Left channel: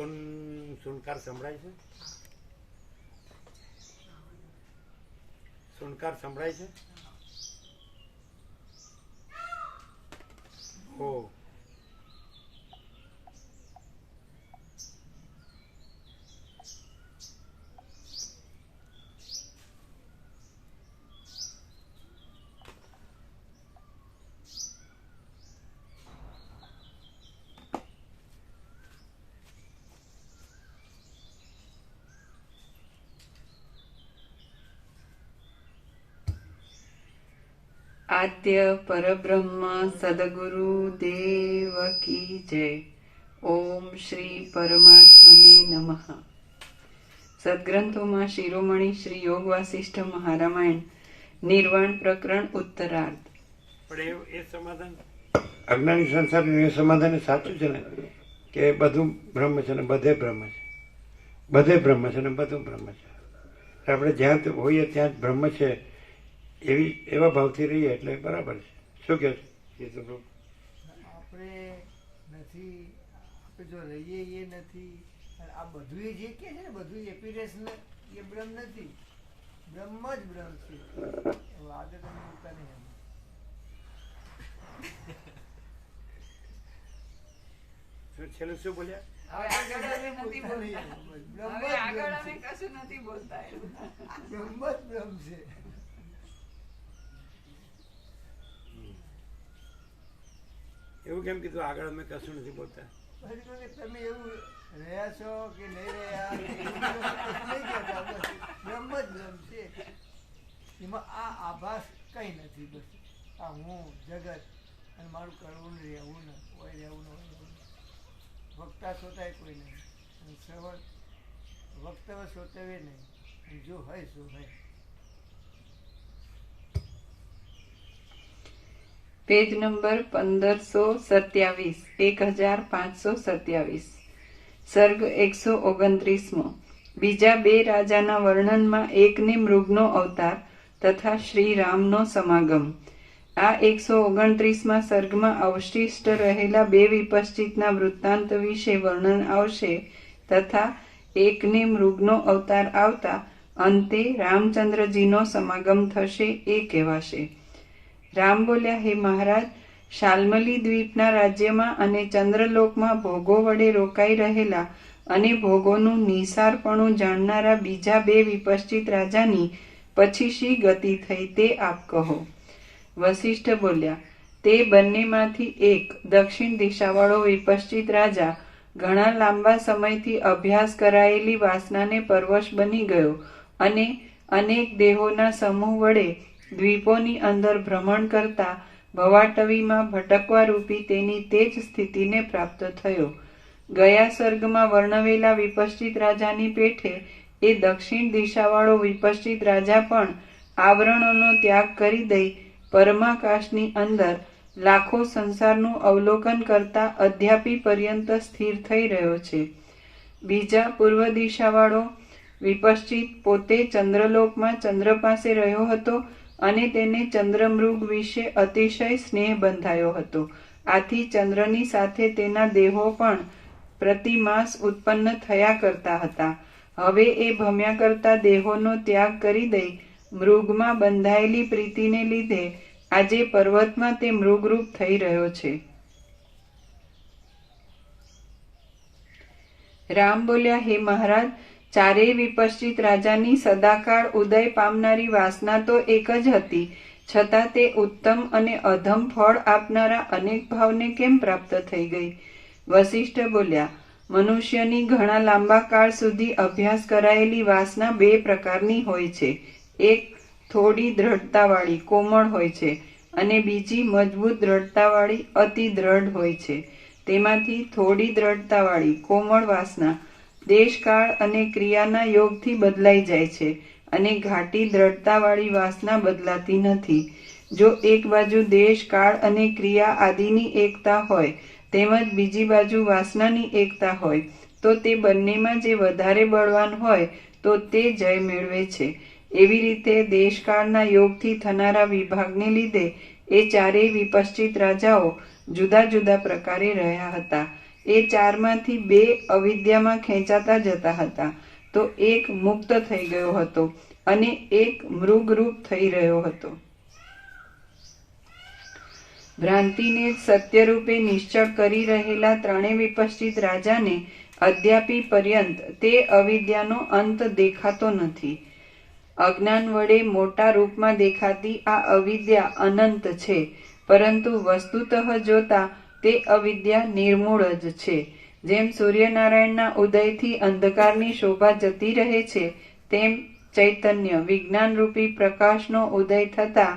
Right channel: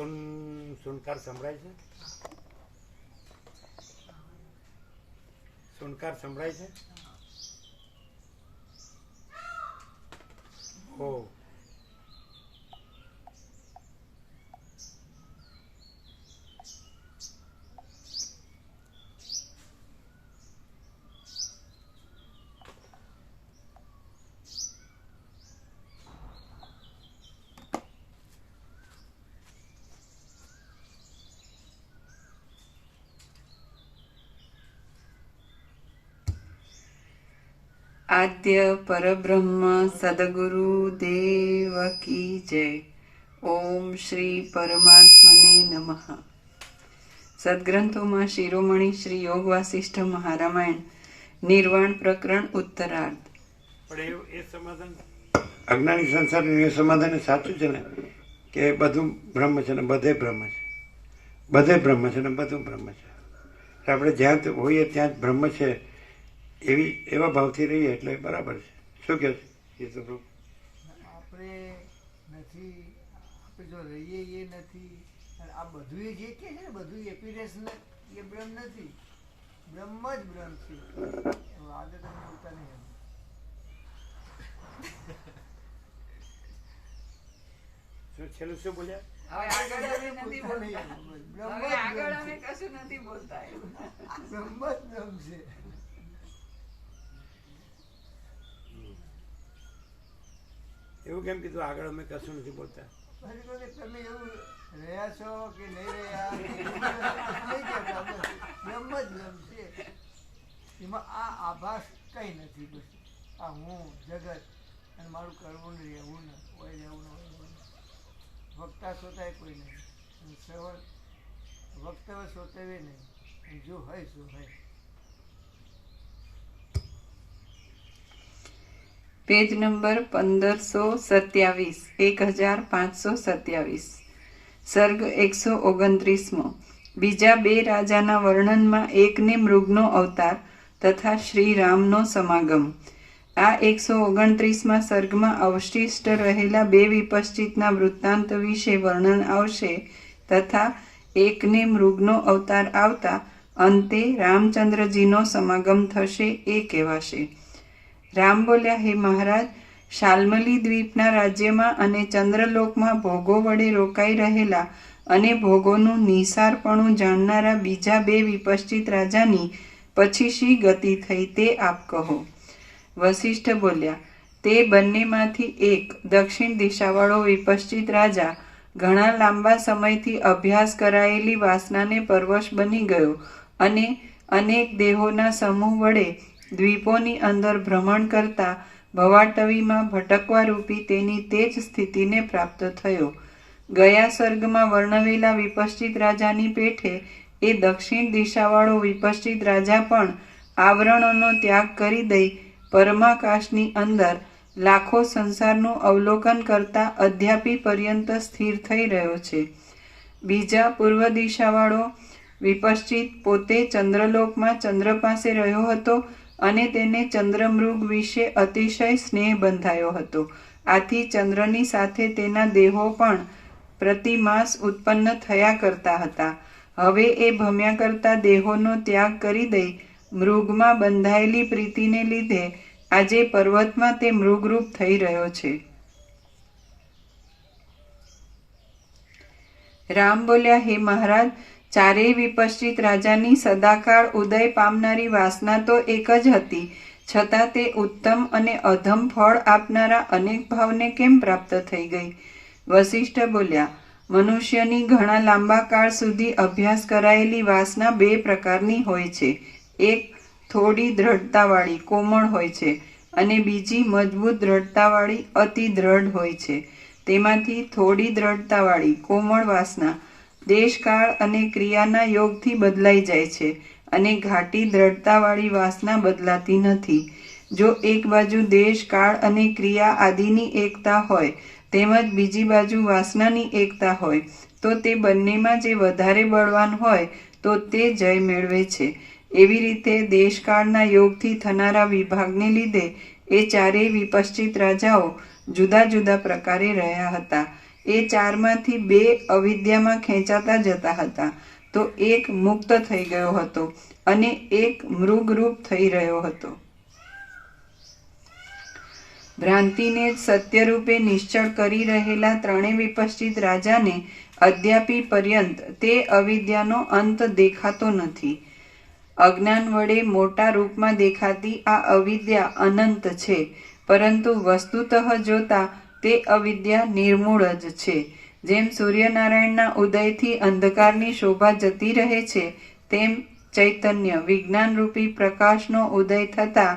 સુનકાર સંભળાય છે? સુનકાર સંભળાય છે? હો. આદ્ય પરબ્રહ્મ સદગુરુ દેવ કી જય. ઓમ શ્રી પરમાત્મને નમઃ. સદગ્રંથોમાં શિરોમણી શ્રી યોગ વાસિષ્ઠ મહારામાયણ નિર્વાણ પ્રકરણ ઉત્તરાર્ધ. પણ એ સમાધાન અજ્ઞાની સંસારનું એ સમાધાન સાચું છે ને, કે બધું બ્રહ્મ છે ને બધે બ્રહ્મ છે, બધે બ્રહ્મ છે ને બધું બ્રહ્મ છે. આપણે જ્યાં હોઈએ ત્યાં જ બ્રહ્મ છે એવા ભાવથી રહીએ એટલે બરાબર છે. શું કહે છે? આપણે નથી, આપણે જો રહીએ એ નથી. આ બધું જે કે છે ને, બધું એપિરેસ એ બ્રહ્મ નથી, બ્રહ્મ જ બ્રહ્મ છે. આગળ તમે બોલતા નહીં. છેલ્લું શું બોલ્યા? એવું કેમ કીધું? આગળ અમે કશું નથી બોલતા. તમે એવું રહ્યા છો કે નહીં રહ્યા, બ્રહ્મ જ બ્રહ્મ છે. એમાં આ આભાસ કઈ નથી. બસ આ હું જગત અને મારું કરવું ને રહેવું ને હોય રહેવું ને હોય વક્તા સોતાય કોઈ નહીં, અને શ્રવણ વક્તવ્ય સોતવે નહીં, અને જો હોય શું હોય. Page number 1527, 1527. સર્ગ 129. બીજા બે રાજાના વર્ણનમાં એકને મૃગનો અવતાર તથા શ્રી રામનો સમાગમ. આ 129માં સર્ગમાં અવશિષ્ટ રહેલા બે વિપશ્ચિતના વૃત્તાંત વિશે વર્ણન આવશે તથા એકને મૃગનો અવતાર આવતા અંતે રામચંદ્રજીનો સમાગમ થશે એ કહેવાશે. રામ બોલ્યા, હે મહારાજ, શાલ્મલી દ્વીપના રાજ્યમાં અને ચંદ્રલોકમાં ભોગો વડે રોકાઈ રહેલા અને ભોગોનું નિસારપણું જાણનારા બીજા બે વિપશ્ચિત રાજાની પછી શી ગતિ થઈ તે આપ કહો. વશિષ્ઠ બોલ્યા, તે બંનેમાંથી એક દક્ષિણ દિશાવાળો વિપશ્ચિત રાજા ઘણા લાંબા સમયથી અભ્યાસ કરાયેલી વાસનાને પરવશ બની ગયો અને અનેક દેહોના સમૂહ વડે દ્વીપોની અંદર ભ્રમણ કરતા ભવાટવીમાં ભટકવા રૂપી તેની તે જ સ્થિતિને પ્રાપ્ત થયો. ગયા સર્ગમાં વર્ણવેલા વિપશ્ચિત રાજાની પેઠે એ દક્ષિણ દિશાવાળો વિપશ્ચિત રાજા પણ આવરણોનો ત્યાગ કરી દઈ પરમાકાશની અંદર લાખો સંસારનું અવલોકન કરતા અધ્યાપી પર્યંત સ્થિર થઈ રહ્યો છે. બીજા પૂર્વ દિશાવાળો વિપશ્ચિત પોતે ચંદ્રલોકમાં ચંદ્ર પાસે રહ્યો હતો અને તેને ચંદ્રમૃગ વિશે અતિશય સ્નેહ બંધાયો હતો. આથી ચંદ્રની સાથે તેના દેહો પણ પ્રતિમાસ ઉત્પન્ન થયા કરતા હતા. હવે એ ભમ્યા કરતા દેહોનો ત્યાગ કરી દઈ મૃગમાં બંધાયેલી પ્રીતિને લીધે આજે પર્વતમાં તે મૃગરૂપ થઈ રહ્યો છે. રામ બોલ્યા, હે મહારાજ, ચારેય વિપશ્ચિત રાજાની સદાકાળ ઉદય પામનારી વાસના તો એક જ હતી, છતાં તે ઉત્તમ અને અધમ ફળ આપનારા અનેક ભાવને કેમ પ્રાપ્ત થઈ ગઈ? વશિષ્ઠ બોલ્યા, મનુષ્યની ઘણા લાંબા કાળ સુધી અભ્યાસ કરાયેલી વાસના બે પ્રકારની હોય છે. એક થોડી દ્રઢતાવાળી કોમળ હોય છે અને બીજી મજબૂત દ્રઢતાવાળી અતિ દ્રઢ હોય છે. તેમાંથી થોડી દ્રઢતાવાળી કોમળ વાસના દેશકાળ અને ક્રિયાના યોગથી બદલાઈ જાય છે અને ઘાટી દ્રઢતાવાળી વાસના બદલાતી નથી. જો એક બાજુ દેશ, કાળ અને ક્રિયા આદિની એકતા હોય તેમજ બીજી બાજુ વાસનાની એકતા હોય તો તે બંનેમાં જે વધારે બળવાન હોય તો તે જય મેળવે છે. એવી રીતે દેશકાળના યોગથી થનારા વિભાગને લીધે એ ચારેય વિપશ્ચિત રાજાઓ જુદા જુદા પ્રકારે રહ્યા હતા. એ ચારમાંથી બે અવિદ્યામાં ખેંચાતા જતા હતા, તો એક મુક્ત થઈ ગયો હતો અને એક મૃગરૂપ થઈ રહ્યો હતો. ભ્રાંતિને સત્યરૂપે નિશ્ચળ કરી રહેલા ત્રણેય વિપશ્ચિત રાજાને અદ્યાપી પર્યંત તે અવિદ્યાનો અંત દેખાતો નથી. અજ્ઞાન વડે મોટા રૂપમાં દેખાતી આ અવિદ્યા અનંત છે, પરંતુ વસ્તુતઃ જોતા તે અવિદ્યા નિર્મૂળ જ છે. જેમ સૂર્યનારાયણના ઉદયથી અંધકારની શોભા જતી રહે છે, તેમ ચૈતન્ય વિજ્ઞાનરૂપી પ્રકાશનો ઉદય થતા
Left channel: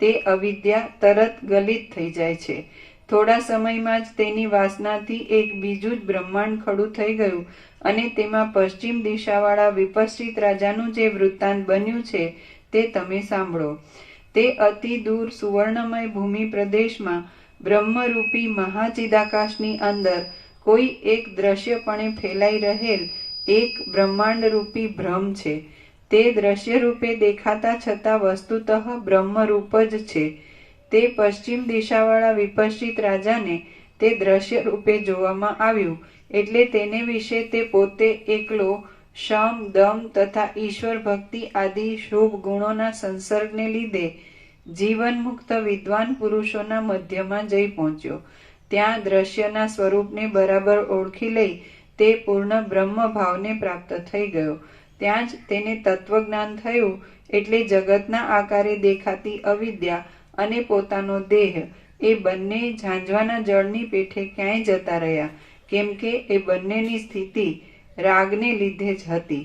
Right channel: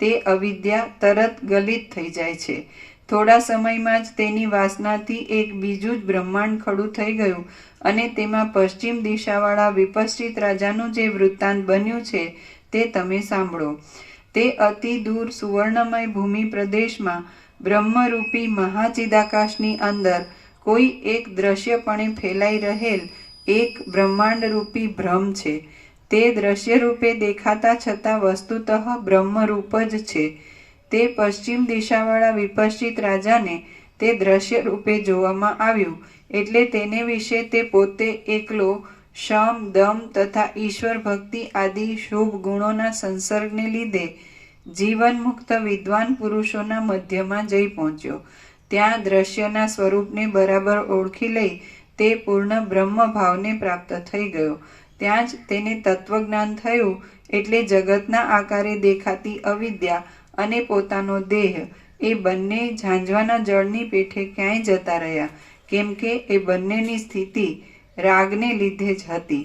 તે અવિદ્યા તરત ગલિત થઈ જાય છે. થોડા સમયમાં જ તેની વાસનાથી એક બીજું જ બ્રહ્માંડ ખડું થઈ ગયું અને તેમાં પશ્ચિમ દિશાવાળા વિપશ્ચિત રાજાનું જે વૃત્તાંત બન્યું છે તે તમે સાંભળો. તે અતિ દૂર સુવર્ણમય ભૂમિ પ્રદેશમાં બ્રહ્મરૂપી મહાચિદાકાશની અંદર કોઈ એક દ્રશ્યપણે ફેલાઈ રહેલ એક બ્રહ્માંડરૂપી બ્રહ્મ છે. તે દ્રશ્ય રૂપે દેખાતા છતાં વસ્તુતઃ બ્રહ્મરૂપ જ છે. તે પશ્ચિમ દિશાવાળા વિપશ્ચિત રાજાને તે દ્રશ્ય રૂપે જોવામાં આવ્યું, એટલે તેને વિશે તે પોતે એકલો શમ, દમ તથા ઈશ્વર ભક્તિ આદિ શુભ ગુણોના સંસર્ગને લીધે જીવન મુક્ત વિદ્વાન પુરુષોના મધ્યમાં જઈ પહોંચ્યો. ત્યાં દ્રશ્યના સ્વરૂપને બરાબર ઓળખી લઈ તે પૂર્ણ બ્રહ્મ ભાવને પ્રાપ્ત થઈ ગયો. ત્યાં જ તેને તત્વજ્ઞાન થયું, એટલે જગતના આકારે દેખાતી અવિદ્યા અને પોતાનો દેહ એ બંને ઝાંઝવાના જળની પેઠે ક્યાંય જતા રહ્યા, કેમ કે એ બંનેની સ્થિતિ રાગને લીધે જ હતી.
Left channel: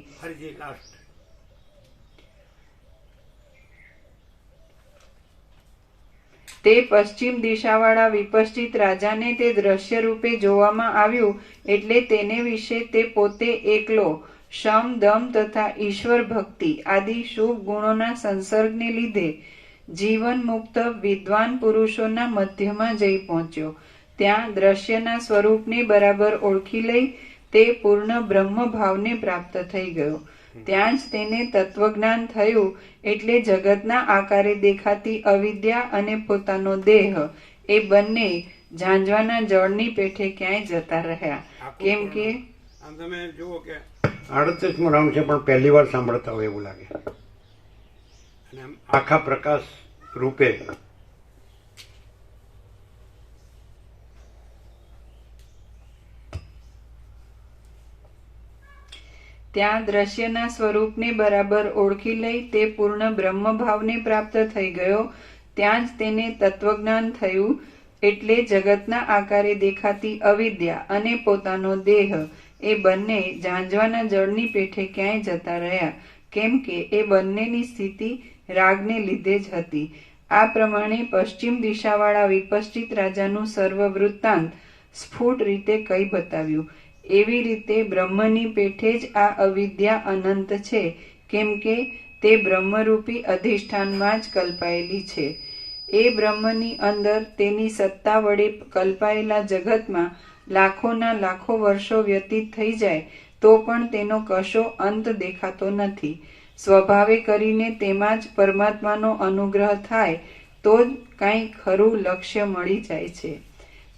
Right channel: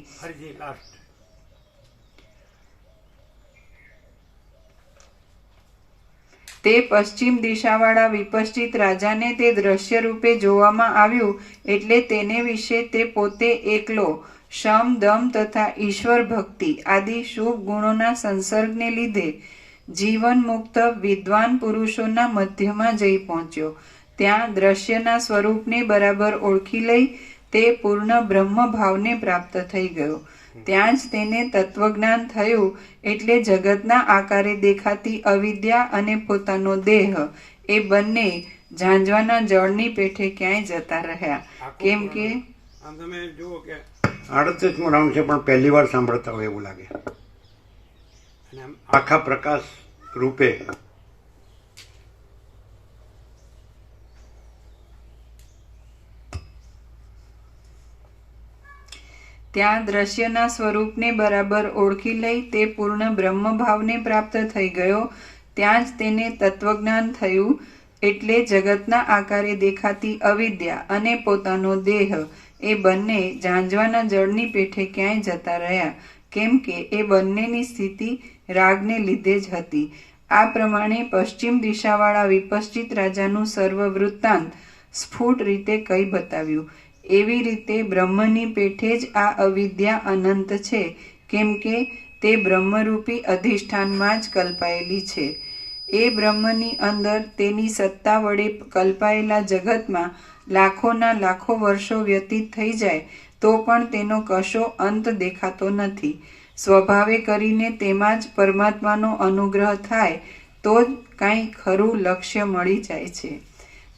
તે પશ્ચિમ દિશાવાળા વિપશ્ચિત રાજાને તે દ્રશ્ય રૂપે જોવામાં આવ્યું, એટલે તેને વિશે તે પોતે એકલો શમ, દમ તથા ઈશ્વર ભક્તિ આદિ શુભ ગુણોના સંસર્ગને લીધે જીવન મુક્ત વિદ્વાન પુરુષોના મધ્યમાં જઈ પહોંચ્યો. ત્યાં દ્રશ્યના સ્વરૂપને બરાબર ઓળખી લઈ તે પૂર્ણ બ્રહ્મ ભાવને પ્રાપ્ત થઈ ગયો. ત્યાં જ તેને તત્વજ્ઞાન થયું, એટલે જગતના આકારે દેખાતી અવિદ્યા અને પોતાનો દેહ એ બંને ઝાંઝવાના જળની પેઠે ક્યાંય જતા રહ્યા, કેમ કે આમ તમે જુઓ કે 38મો રાઉન્ડ છે, પણ પહેલી વાર સાંભળતા હોય એવું લાગે. અને આમ આખા પ્રકાશ રૂપે ત્યાં દ્રશ્યના સ્વરૂપને બરાબર ઓળખી લઈ તે પૂર્ણ બ્રહ્મ ભાવને પ્રાપ્ત થઈ ગયો. ત્યાં જ તેને તત્વજ્ઞાન થયું, એટલે જગતના આકારે દેખાતી અવિદ્યા અને પોતાનો દેહ એ બંને ઝાંઝવાના જળની પેઠે ક્યાંય જતા રહ્યા, કેમ કે એ બંનેની સ્થિતિ રાગને લીધે જ હતી. આ પ્રમાણે પશ્ચિમ દિશાવાળા વિપશ્ચિત રાજાનું સર્વ વૃત્તાંત સ્ફુટ રીતે કહી બતાવ્યું. એવી રીતે બ્રહ્મની પેઠે જ આ અવિદ્યા અનંત છે, કેમ કે તે બ્રહ્મરૂપી અધિષ્ઠાનમાં જ કલ્પાયેલી છે. એ બ્રહ્મની અંદર તેની સત્તા વડે કલ્પાયેલા જગતમાં લાખોના લાખો વર્ષો વ્યતીત થઈ જાય તો પણ તેનો કશો અંત દેખાતો નથી. સ્વભાવે કરીને તેમાં જ પરમાત્માનો અનુગ્રહ થાય તો જ કાંઈ ખરું લક્ષ્ય મળી જાય છે.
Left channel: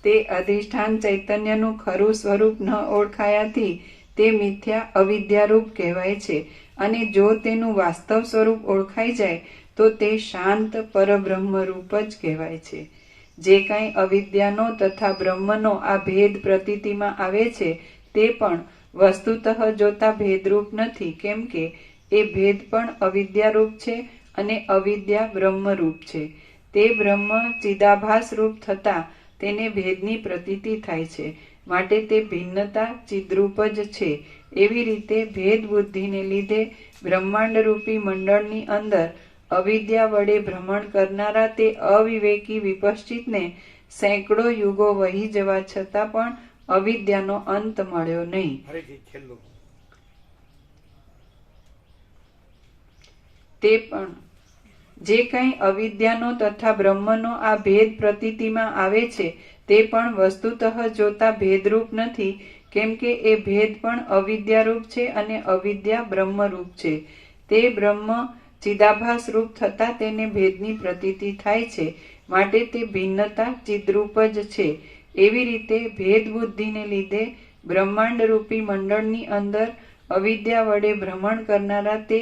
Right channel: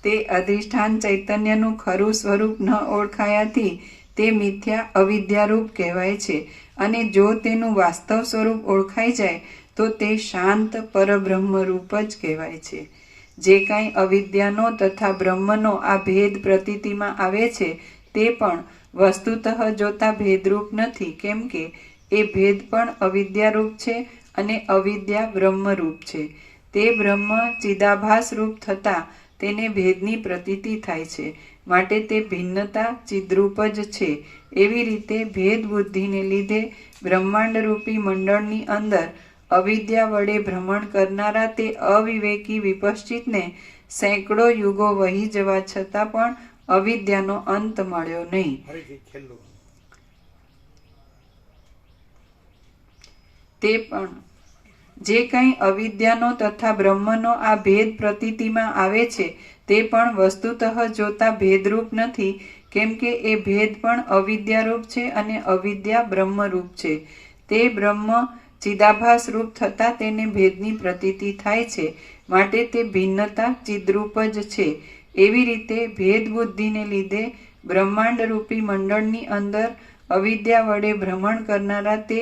તે અધિષ્ઠાન ચૈતન્યનું ખરું સ્વરૂપ ન ઓળખાયાથી તે મિથ્યા અવિદ્યારૂપ કહેવાય છે, અને જો તેનું વાસ્તવ સ્વરૂપ ઓળખાઈ જાય તો તે શાંત પરબ્રહ્મ રૂપ જ કહેવાય છે. જે કાંઈ અવિદ્યાનો તથા બ્રહ્મનો આ ભેદ પ્રતીતિમાં આવે છે તે પણ વસ્તુતઃ જોતા ભેદરૂપ નથી, કેમ કે એ ભેદ પણ અવિદ્યારૂપ છે અને અવિદ્યા બ્રહ્મરૂપ છે. તે બ્રહ્મ ચિદાભાસ રૂપ થતા તેને ભેદની પ્રતીતિ થાય છે, માટે તે ભિન્નતા ચિદ્રૂપ જ છે. એવી રીતે ભેદ બુદ્ધિને લીધે બ્રહ્માંડ રૂપી મંડળની અંદર અવિદ્યા વડે ભ્રમણ કરનારા તે અવિવેકી વિપશ્ચિતને સેંકડો યુગો વહી જવા છતાં પણ અવિદ્યાનો અંત મળ્યો નહીં. તે પણ જે કંઈ અવિદ્યાનો તથા બ્રહ્મનો આ ભેદ પ્રતીતિમાં આવે છે તે પણ વસ્તુતઃ જોતા ભેદરૂપ નથી, કેમ કે એ ભેદ પણ અવિદ્યારૂપ છે અને અવિદ્યા બ્રહ્મરૂપ છે. તે બ્રહ્મ ચિદાભાસ રૂપ થતા તેને ભેદની પ્રતીતિ થાય છે, માટે તે ભિન્નતા ચિદ્રૂપ જ છે. એવી રીતે ભેદ બુદ્ધિને લીધે બ્રહ્માંડ રૂપી મંડળની અંદર અવિદ્યા વડે ભ્રમણ કરનારા તે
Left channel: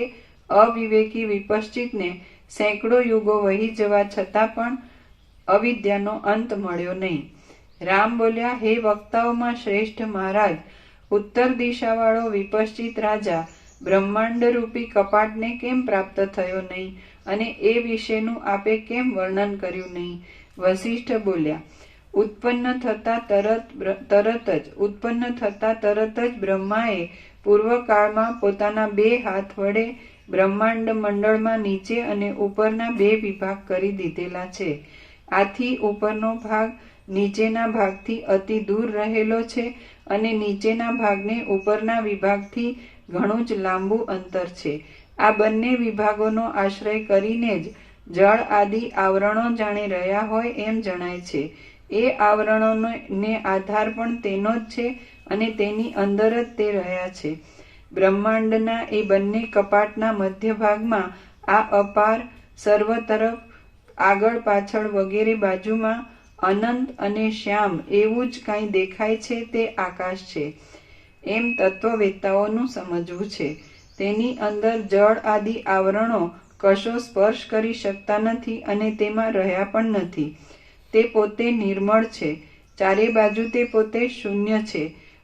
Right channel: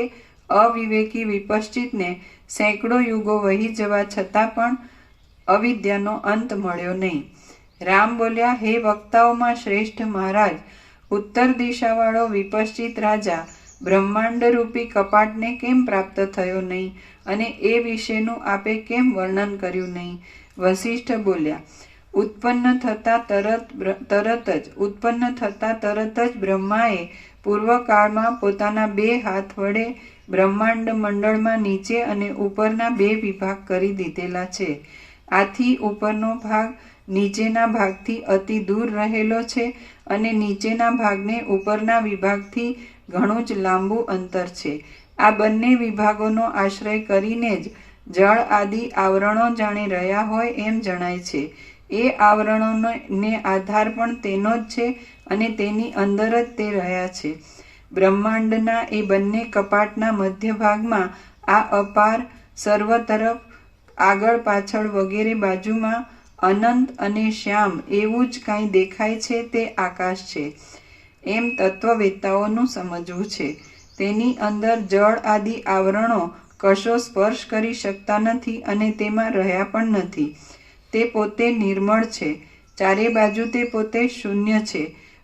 અવિવેકી વિપશ્ચિતને સેંકડો યુગો વહી જવા છતાં પણ અવિદ્યાનો અંત મળ્યો નહીં. રામ બોલ્યા, હે વક્તાઓમાં શ્રેષ્ઠ મહારાજ, ઉત્તર દિશાવાળો વિપશ્ચિત રાજા બ્રહ્માંડ રૂપી કપાટને કેમ પ્રાપ્ત થયો નહીં અને એ વિશેનું આપે કેમ વર્ણન કર્યું નહીં? વશિષ્ઠ બોલ્યા, ઉત્પન્ન થતા તરત જ બ્રહ્માએ પૂર્વકાળમાં પોતાના 2 હાથ વડે બ્રહ્માંડ મંડળમાં નીચે અને ઉપરના 2 વિભાગ કરી દીધેલા છે. આથી ઉપરનો ભાગ નીચેના ભાગથી અતિ દૂર રહેલો છે અને નીચેના ભાગને ઉપરના વિભાગથી ઘણું જ લાંબુ અંતર છે. આ બંને વિભાગોનો આશ્રય કરીને જ જળ આદિ આવરણો જાણી રહ્યા હોય એમ જણાય છે. એ આવરણોને આધાર પણ તેનો જ છે અને તેની અંદર જ તે રહ્યા છે. બ્રહ્માંડના એ બંને કપાટના મધ્ય ભાગમાં આ અપાર સર્વ તરફ આગળ પાછળ વગેરે બાજુમાં અનંત અને શ્યામ એવું જ કાંઈ દેખાય છે તે આકાશ છે એમ તત્વવેત્તાઓનું સમજવું છે. તેની અંદર જળ આદિ આવરણો કશો સ્પર્શ કરી શકતા નથી અને તેમાં રહ્યા પણ નથી. તે પોતે નિર્મળ છે. ચારે બાજુ તે પોતે શૂન્ય છે.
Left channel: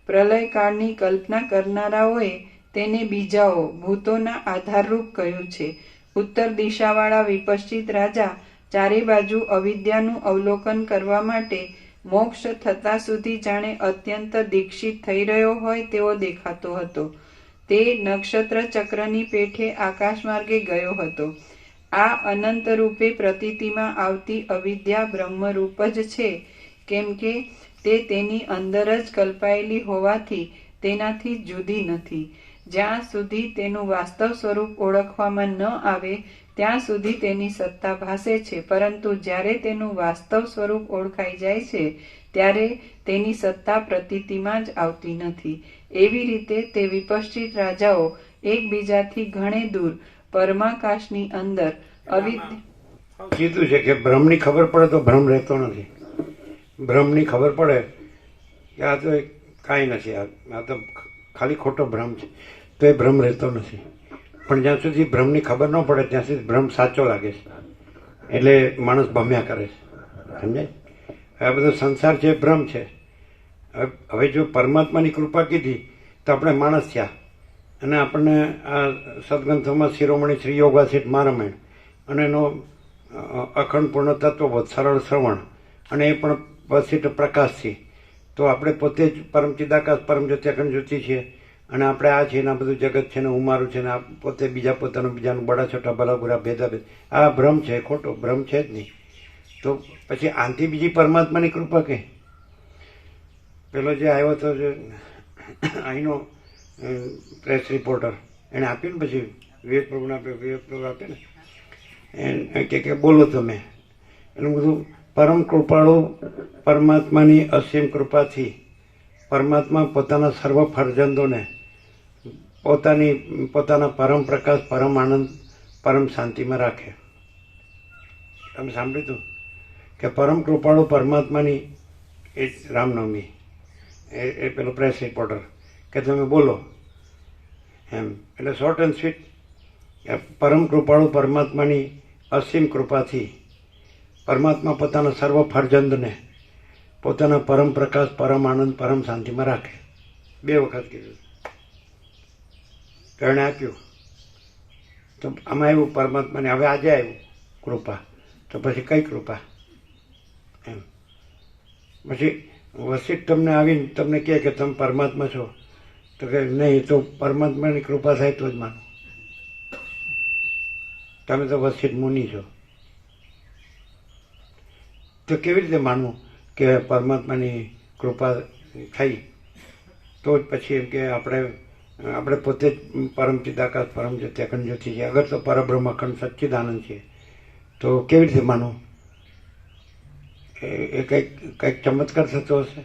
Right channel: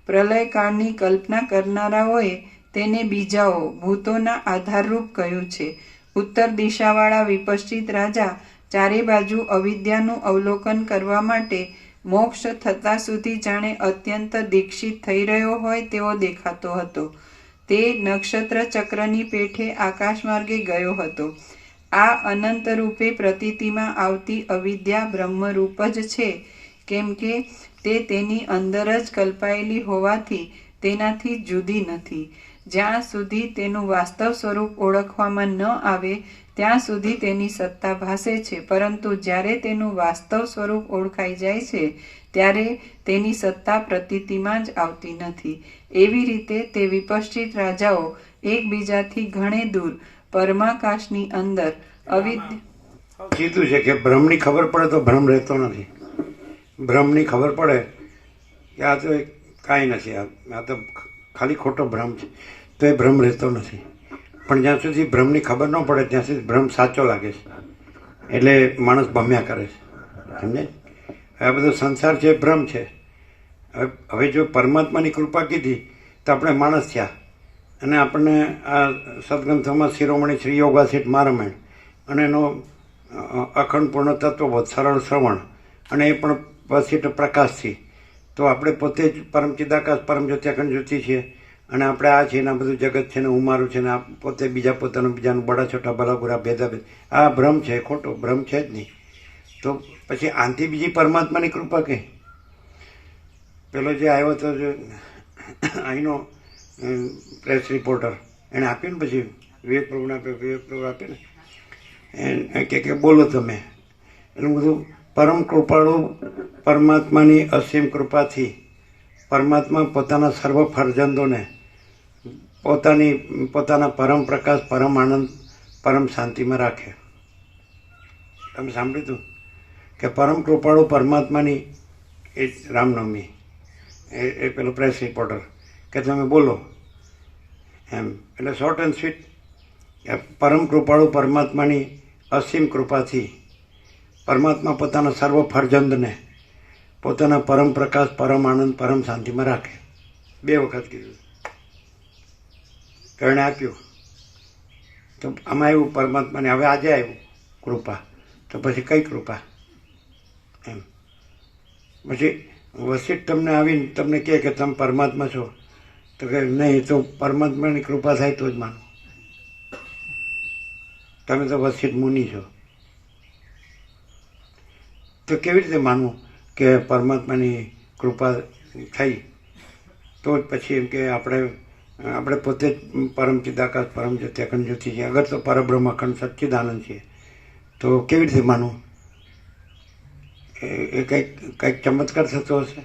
પ્રલયકાળની કલ્પના કરનારાઓએ તેને બીજાઓ ભૂતોના આધારરૂપ કહ્યું છે. ઉત્તર દિશાવાળા વિપશ્ચિત રાજા ચારે બાજુ અવિદ્યાનું અવલોકન કરવા માટે મોક્ષ થતા સુધી જાણે અત્યંત દીક્ષિત થઈ રહ્યો હોય તેવો દેખાતો હતો. તે નક્ષત્ર ચક્રની પેઠે આકાશ માર્ગે ગયો હતો. આ અનંત રૂપે પ્રતીતિમાં આવતી અવિદ્યા બ્રહ્મરૂપ જ છે, કેમ કે તે તેની અંદર જ કલ્પાયેલી હોવાથી તેનાથી જુદી નથી. જ્યાં સુધી તેનું વાસ્તવ સ્વરૂપ ઓળખવામાં ન આવે ત્યાં સુધી તેની સત્તા ભાસે છે, પરંતુ જ્યારે તેનું વાસ્તવ સ્વરૂપ ઓળખાઈ જાય છે ત્યારે તેની સત્તા પ્રતીતિમાં જ આવતી નથી. એવી રીતે તે વિપશ્ચિત રાજાઓ એકબીજાથી ઘણે દૂર પરમાકાશની અંદર અવિદ્યા કીધું છે કે ભ્રમની ખબર પડે તો ભ્રમ રહેતો નથી. ભ્રમની ખબર પડે કે આ તો કાંઈ નથી, આ તો ખાલી ખોટો ભ્રમ છે, તો એ ભ્રમ રહેતો નથી. પણ જ્યાં સુધી ભ્રમની ખબર ન પડે ત્યાં સુધી ભ્રમ સાચો લાગે છે, એટલે માણસ ભમ્યા કરે છે. સમજાય? આ બધો સંસાર છે ભ્રમ છે. હવે જો પરમાત્માની કૃપા કીધી તો આપણે માણસ થયા અને આપણને આ સદગ્રંથોમાં શિરોમણી શ્રી યોગાસીઠ મહારામાયણ અને એનો અખંડ પૂર્ણ તત્વબોધ સરળ શ્રવણ અને એ પણ વશિષ્ઠ પ્રકાશથી, તો આપણે પોતે જ પરમ ચિદાકાશ પરમ જ્યોતિ અખંડ જ્યોતિ છીએ અને આપણે આ છે ને આ બધું જગત છે ને હું મારું છે ને આ પોતે બીજા પોતાનું બીજાનું બડા છોટા ભલા ગુરા ભેદાભેદ, આ ભ્રમ છે, ખોટો ભ્રમ છે જ નહીં. તો પછી આનથી બીજી પરમાત્માની કૃપા કઈ? પેલો જે આવ્યો હતો જે અહીંનો પ્રેસ રિપોર્ટર એણે આપ્યું ને, પછી વિવેક પ્રભુને આપ્યો, વિવેક પ્રભુ આપે ને એ કે બોલો તમે, એટલું બધું પરમ કૃપાળુ પરમાત્માની અસીમ કૃપાથી પરમાત્મા પોતાના સર્વ ફરજંદોને પોતાના પરમ પ્રકાશ, પરમ આનંદ, પરમ શાંતિમાં રાખે. તમે સાંભળ્યું હતું કે પરમ કૃપાળુ પરમાત્માની એ રામનવમી એ પેલો પ્રેસ રિપોર્ટર કે તમે બોલો એમ, એટલે શોર્ટ એન્ડ સ્વીટ પરમ કૃપાળુ પરમાત્માની અસીમ કૃપાથી પરમાત્મા પોતાના સર્વ ફરજંદને પોતાના પરમ પ્રકાશ, પરમ આનંદ, પરમ શાંતિમાં રાખે. 2 વખત કીધું, કર્ણે આપ્યું. તો આમાં આવ્યું પરમાત્માને, હવે આજે આવ્યું કૃપા, તો પછી કઈ કૃપા એમ? પછી વશિષ્ઠ તમને આવીને તમને કહે કે તમે પરમાત્મા છો, તો કે નહીં, તો પરમાત્માની કૃપા થાય તો જ માનો. તમે તો વશિષ્ઠ મુનિ છો, તો કેવી રીતે માનવું કે પરમાત્માની કૃપા થઈ? તો જ પછી એમ કે આપણે પોતે જ પરમ ચિદાકાશ પરમ જ્યોતિ અખંડ જ્યોતિ છીએ. અગર તો પરબ્રહ્મ અખંડ સચ્ચિદાનંદ છીએ, તો કેવી રીતે માનવું? એ કંઈક ચમત્કાર થતો હશે,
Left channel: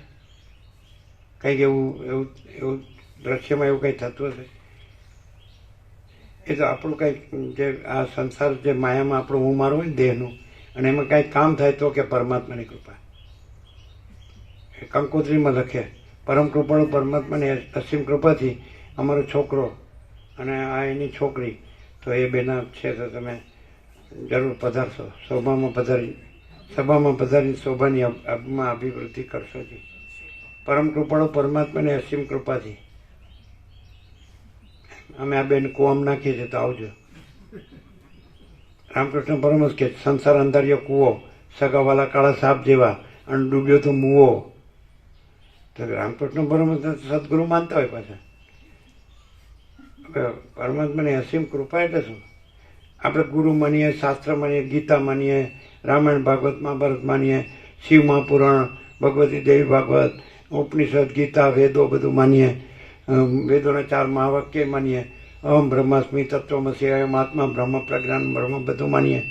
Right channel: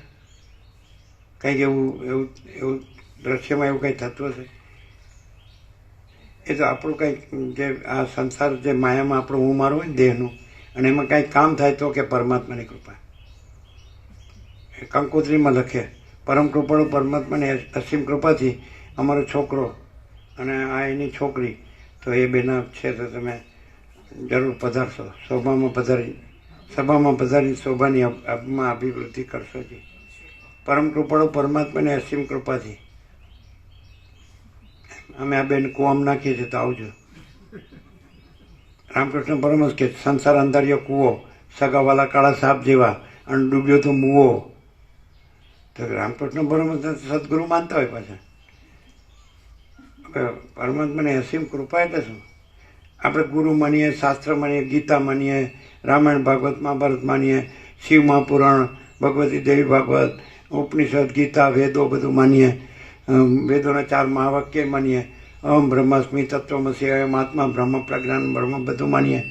કંઈક એવું દ્રશ્યમાં એવું કંઈ થતું હશે. એ તો આપણું કંઈક જે આ સંસાર જે માયામાં આપણું હું મારું હોય ને દેહનું, અને એમાં કાંઈક કામ થાય તો કે પરમાત્માની કૃપા. કંકોત્રીમાં લખે, પરમ કૃપાળુ પરમાત્માની અસીમ કૃપાથી અમારો છોકરો અને આ એની છોકરી, તો એ બેના છે તો તમે જરૂર પધારશો, સભામાં પધારી શોભાની અભિવૃદ્ધિ કરશો જી. પરમ કૃપાળુ પરમાત્માની અસીમ કૃપાથી અમે આ બેન કુવામ નાખીએ છીએ, તો આવજો. રામકૃષ્ણ પરમહંસ કે સંસાર અંધાર્યો કૂવો, સગાવાલા કાળા સાપ જેવા, અને ડૂબ્યો તો મુવો. તો રામકૃષ્ણ પરમહંસ સદગુરુ માનતા હોય પાછા. પરમાત્માની અસીમ કૃપા એટલે શું? આપણે ગુરુ માનીએ, શાસ્ત્ર માનીએ, ગીતા માનીએ, રામાયણ ભાગવત મહાભારત માનીએ, શિવ મહાપુરાણ, ભગવતી દેવી ભાગવત, ઉપનિષદ, ગીતા, વેદો બધું માનીએ, વેદોના 4 મહાવાક્ય માનીએ, અહમ બ્રહ્માસ્મિ તત્વમસી, અયમ આત્મા બ્રહ્મ પ્રજ્ઞાન બ્રહ્મ બધું માનીએ.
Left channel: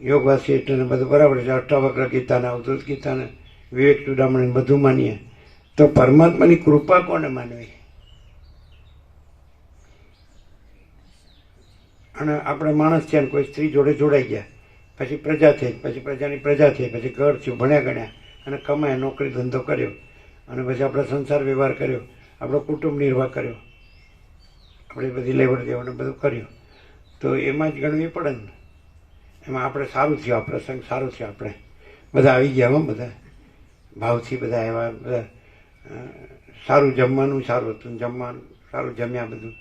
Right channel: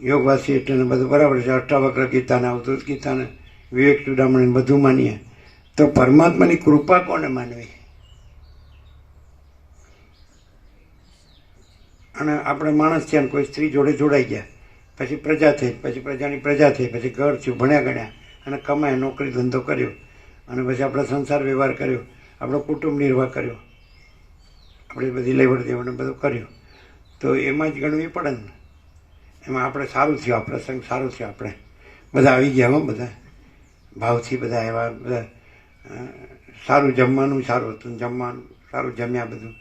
યોગવાસી એટલે બધું બરાબર છે. અષ્ટાવક્ર ગીતાને, અવધૂત ગીતાને, વિવેક ચૂડામણી બધું માનીએ, તો પરમાત્માની કૃપા કોને માનવી? અને આપણે માણસ છે, કોઈ સ્ત્રી જોડે જોડાઈ ગયા, પછી પ્રજા થઈ, પછી પ્રજાની પ્રજા થઈ, પછી ઘર થયું, ભણ્યા ગણ્યા અને કમાયા, નોકરી ધંધો કર્યો, અને પછી આપણે સંસાર વ્યવહાર કર્યો, આપણો કુટુંબ નિર્વાહ કર્યો, આપણે બધી લેવડ દેવડ બધું કર્યું, તો એમાં જ ગણવી પડે ને. એમાં આપણે સારું થયું, આ પ્રસંગ સારો થયો, આપણે બધા આવી ગયા હો, બધા ભાવથી બધા આવ્યા, બધા સારું જમવાનું સારું હતું, જમવાનું સારું જમ્યા, બધું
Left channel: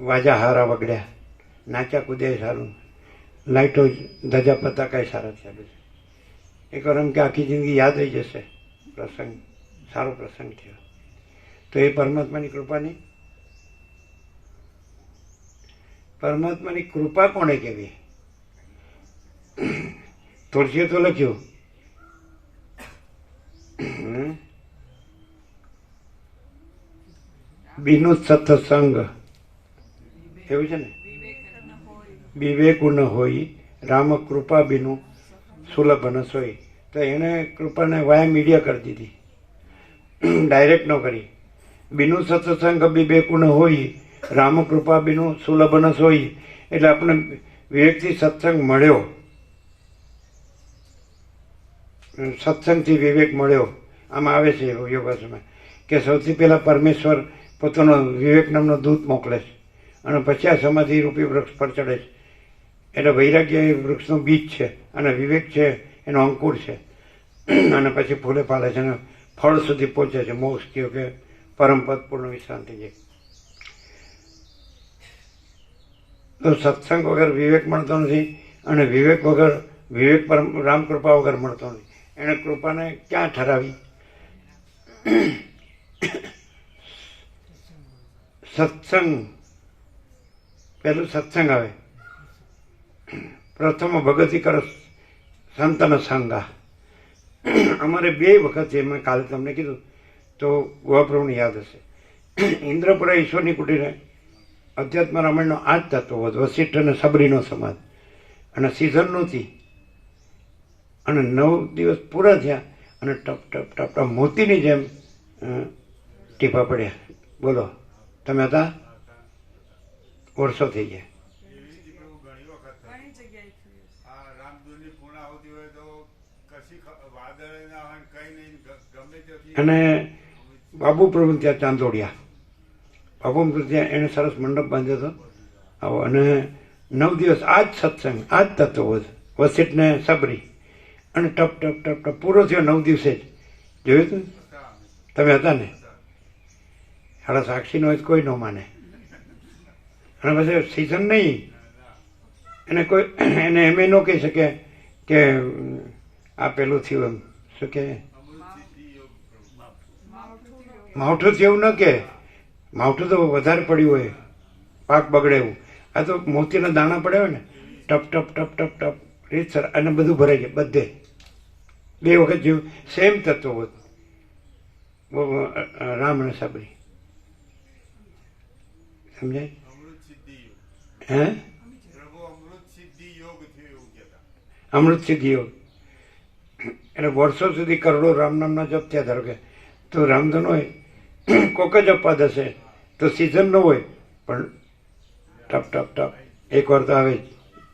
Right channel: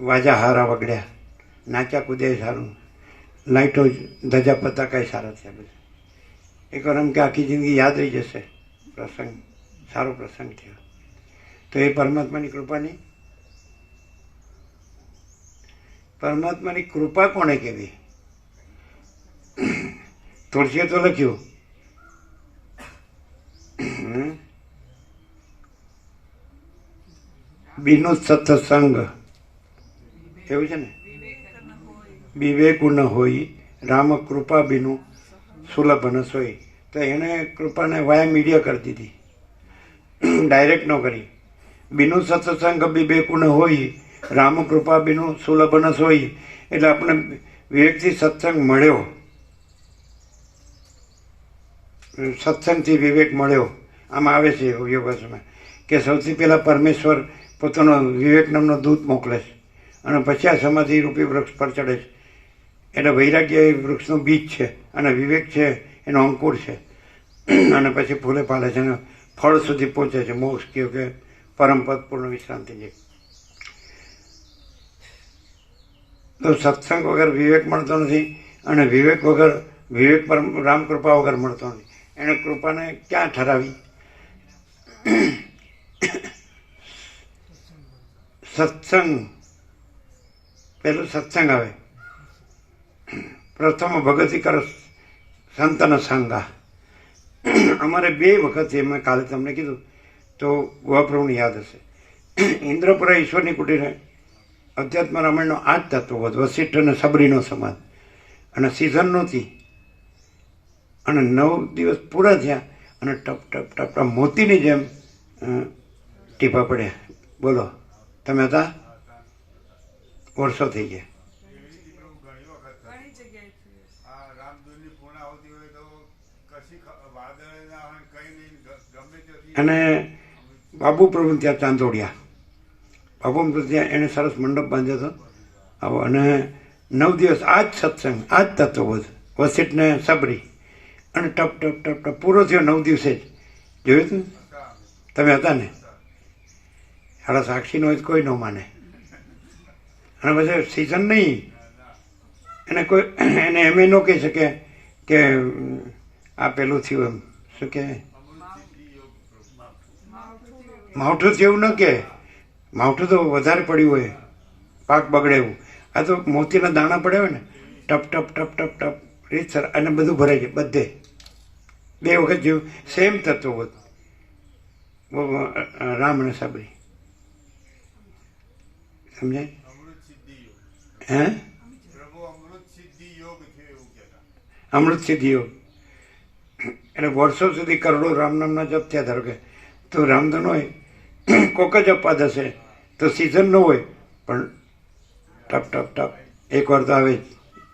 વાજા હારા વગડ્યા, નાચ્યા કૂદ્યા સારું, લાઇટો ધજા પતાકા સારા થયા. બધા એક વાર એમ કે આખી જિંદગી યાદ રહી જશે, પ્રસંગ સારો પ્રસંગ થયો. તો એ પરમાત્માની કૃપાની, પરમાત્માની કૃપા કોને કહેવી? તુલસીએ તો લખ્યું, બીનું સત્સંગ, એવું છે ને, વિવેક ન હોય રામ કૃપા બીનું સુલભ ન સોય. તો એને કૃપાને વાયા મીડિયા કરી દીધી, ડાયરેક્ટ ન કરી. બીનું સત્સંગ વિવેક ન હોય રામ કૃપા બીનું સુલભ ન સોય. એટલે આપણે વિવેકથી સત્સંગ મળ્યો, સત્સંગથી વિવેક મળ્યો. આમાં આવે છે યોગાસમાં કે સૌથી પહેલાં પરમેશ્વર પોતાનો વિવેક નામનો દૂત મોકલે છે, અને પછી આ સમાધિ રૂપી વૃક્ષ પર ચડે છે. એટલે વૈરાગ્ય એ વૃક્ષનું બીજ છે, અને વિવેક છે એનો અંકુર છે, અને પછી ફૂલે ફાલે છે, અને ફળ સુધી પહોંચે છે, મોક્ષ કહ્યું કે પરમપદ પૂર્ણ વિશ્રાંતિ છે. તો સત્સંગ વગર વિવેક મળતો નથી, અને વિવેક વગર વિવેક પર રામ કૃપા વગર મળતો નથી. એણે કૃપાને ક્યાં ઠરાવી? સત્સંગ, પહેલું સત્સંગ આવે. પ્રથમ ભગતિ કરો સંતન સંગા. અમારે 2 વખત છે, મેં કાલે તમને કીધું, તો ગોવાપ્રભુને યાદ હશે. ઇન્દ્રપુરા ઈશ્વરની કુટીરે અધ્યાત્મ રામાયણનો 8 તત્વો, વસિષ્ઠ અને સબરીનો સમાજ, અને સિઝન નહોતી, અને 9 દિવસ પૂરા થયા, અને ટપ ટપ ટપ ટપ મોતીની જેમ ટીપા પડ્યા. બોલો, તમે હતા? વર્ષો થઈ ગયા. અને બાબુ પ્રભુ ત્યાં ચાંદોડિયા, બાબુ પ્રભુ ત્યાં એણે સરસ મંડપ બાંધ્યો હતો આવો. અને 9 દિવસ આ જ સત્સંગ, આ જ તત્વબોધ, વસિષ્ઠ ને સબરી, અને ટપ ટપ ટપ ટપ પૂરો થયો 9 દિવસે જ. જોયું હતું? તમે હતા ને? સાડા સાક્ષી નો કોઈ ન માને. અને પછી સિઝન નહીં, એને કોઈ એને એમ ન કહી શકે કે આ પેલું થયું, એમ શું કે માવઠું થયું ન કે, માવઠું તો વધારે પડ્યું હોય, પાક બગડે એવું. આ તો મોતીના દાણા પડ્યા હોય ને, ટપ ટપ ટપ ટપ ટપ રીતસર, અને બધું ભરાઈ જાય બધે. 2 વખત જેવું સેમ તત્વો રામ અને સબરી. સમજાય? હે? અમૃત સિદ્ધિ યોગ. એને વર્ષો સુધી કરોડો રામ નામના જપ થયા. ધારો કે તો રામધન હોય, કોક જ અપાદ હશે, તો સિઝન ન હોય, પણ ટપ ટપ ટપ એક વાર તો આવે જ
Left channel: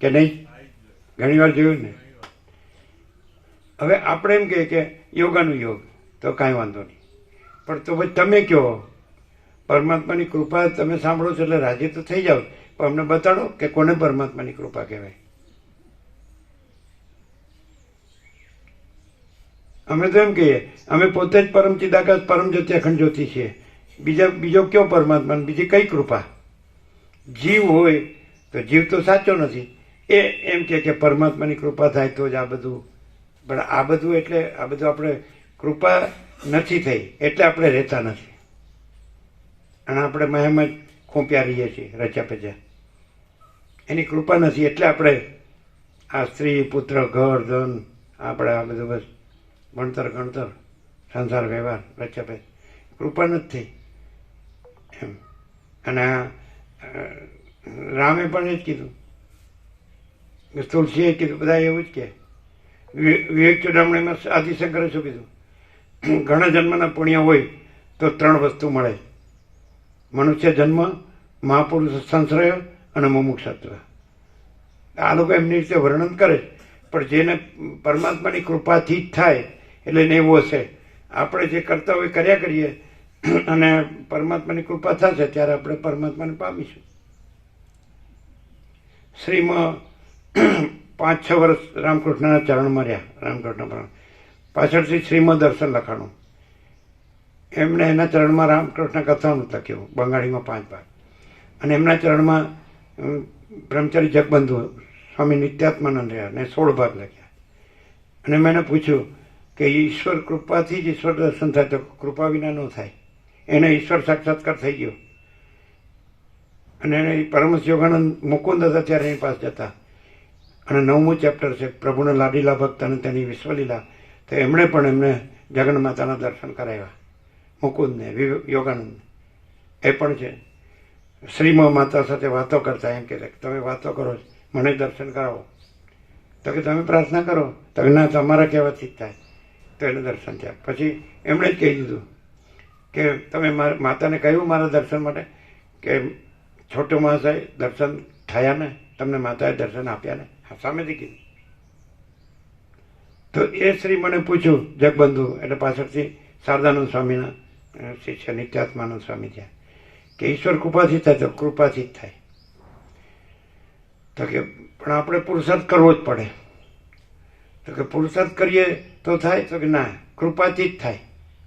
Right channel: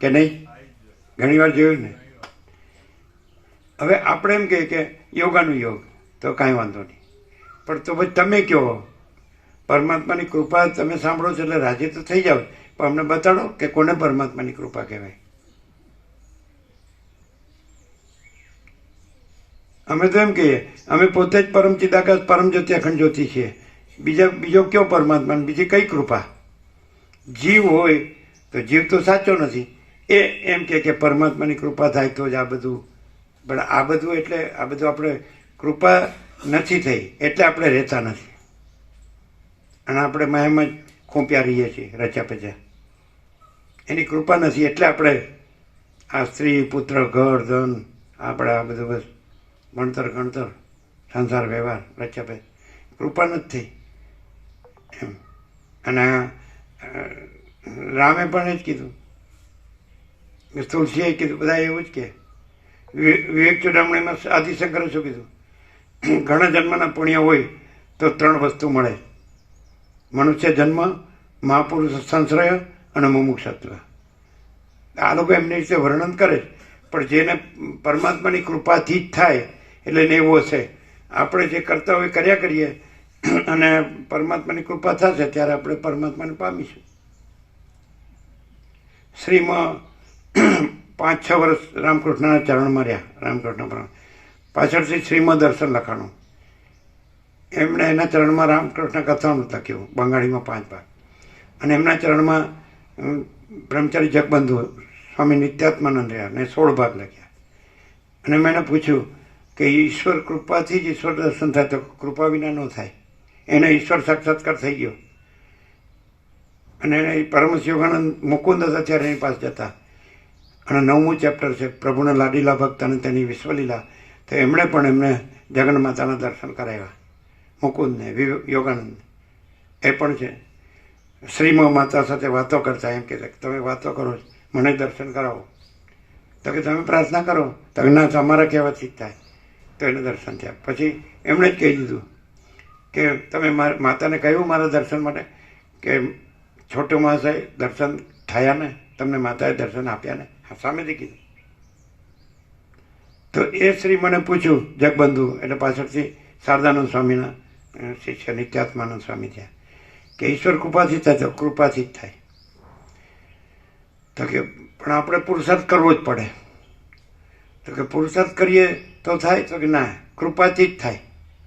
કે નહીં? ઘણી વાર જોયું ને. હવે આપણે એમ કહીએ કે યોગાનું યોગ, તો કાંઈ વાંધો નહીં, પણ તો પછી તમે કહો પરમાત્માની કૃપા તમે સાંભળો છો એટલે રાજી તો થઈ જાઓ, પણ અમને બતાડો કે કોને પરમાત્માની કૃપા કહેવાય. અમે તો એમ કહીએ અમે પોતે જ પરમ ચિદાકાશ પરમ જ્યોતિ અખંડ જ્યોતિ છીએ, બીજો કયો પરમાત્મા, બીજી કઈ કૃપા? જીવ હોય તો જીવ તો સાચો નથી, એ એમ કે પરમાત્માની કૃપા થાય તો જ આ બધું. પણ આ બધું એટલે આ બધું આપણે કૃપા નથી થઈ એટલે આપણે રહેતા નથી, અને આપણે મહેમાં જ ખૂંપ્યા રહીએ છીએ રચ્યા પચ્યા. એની કૃપા નથી એટલે આપણે આ સ્ત્રી પુત્ર ઘર ધન આપણે આ બધું બસ ભણતર ગણતર સંસાર વ્યવહાર રચ્યા પચ્યા, કૃપા નથી થઈ એમ. અને રામે પણ એ જ કીધું, તુલસીએ કીધું, બધા એવું જ કહે. વિવેક ચૂડામણીમાં આદિશંકરે શું કીધું? ઘણા જન્મના પુણ્ય હોય તો 3 વસ્તુ મળે: મનુષ્ય જન્મ, મહાપુરુષ સંશ્રય અને મુમુક્ષત્વ. આ લોકો એમની રીતે વર્ણન કરે, પણ જેને પરમાત્માની કૃપાથી જ થાય એટલે એને એવું હશે. આપણે જે કરતા હોય કર્યા કરીએ અને પરમાત્માની કૃપા થશે ત્યારે આપણે પરમાત્માને પામીશું. શ્રીમાં 5-6 વર્ષ રામકૃષ્ણના ચરણમાં રહ્યા. રામકૃષ્ણ પરમ પાછળથી શ્રીમાં દર્શન લખાણું, એમણે એના ચરણમાં રામકૃષ્ણ કથાનું લખ્યું બંગાળીમાં 5 ભાગ, અને એમના ચરણમાં બ્રહ્મચારી જગબંધુ સ્વામી નિત્યાત્માનંદ રહ્યા ને 16 ભાગ લખ્યા. અને મેં એને પૂછ્યું કે ઈશ્વર કૃપાથી જ ઈશ્વર દર્શન થાય, તો કૃપા વિના ન થાય. એને ઈશ્વર સાક્ષાત્કાર થઈ ગયો. અને એને પરમહંસ યોગાનંદ મુકુંદ હતા ત્યારે એની પાસે જતા, અને 9મું ચેપ્ટર છે પ્રભુના લાડીલા ભક્ત અને તેની વિશ્વલીલા, તો એમણે પણ એમને જગન માતાના દર્શન કરાવ્યા, મુકુંદને યોગાનંદ. એ પણ છે શ્રીમાં માતા સાથે વાતો કરતા એમ કે તમે વાતો કરો મને દર્શન કરાવો, તો કે તમે પ્રાર્થના કરો, તો ના તમારા કહેવાથી જ થાય, તો એને દર્શન થયા. પછી એમણે જ કહી દીધું કે તમે માતાને કહ્યું મારા દર્શન માટે કે છોટો મહાશય દર્શન થયા ને, તમને માતાએ દર્શન આપ્યા ને? હા, સામેથી કીધું. તો એ શ્રી મને પૂછ્યું જગબંધુ એટલે પાછળથી શારદાનંદ સ્વામીના શિષ્ય નિત્યાત્માનંદ સ્વામી થયા કે ઈશ્વર કૃપાથી થાય, તો કૃપાથી જ થાય. તો કે પણ આપણે પુરુષાર્થ કરવો જ પડે. તો કે પુરુષાર્થ કરીએ તો થાય? તો કે ના, કૃપાથી જ થાય.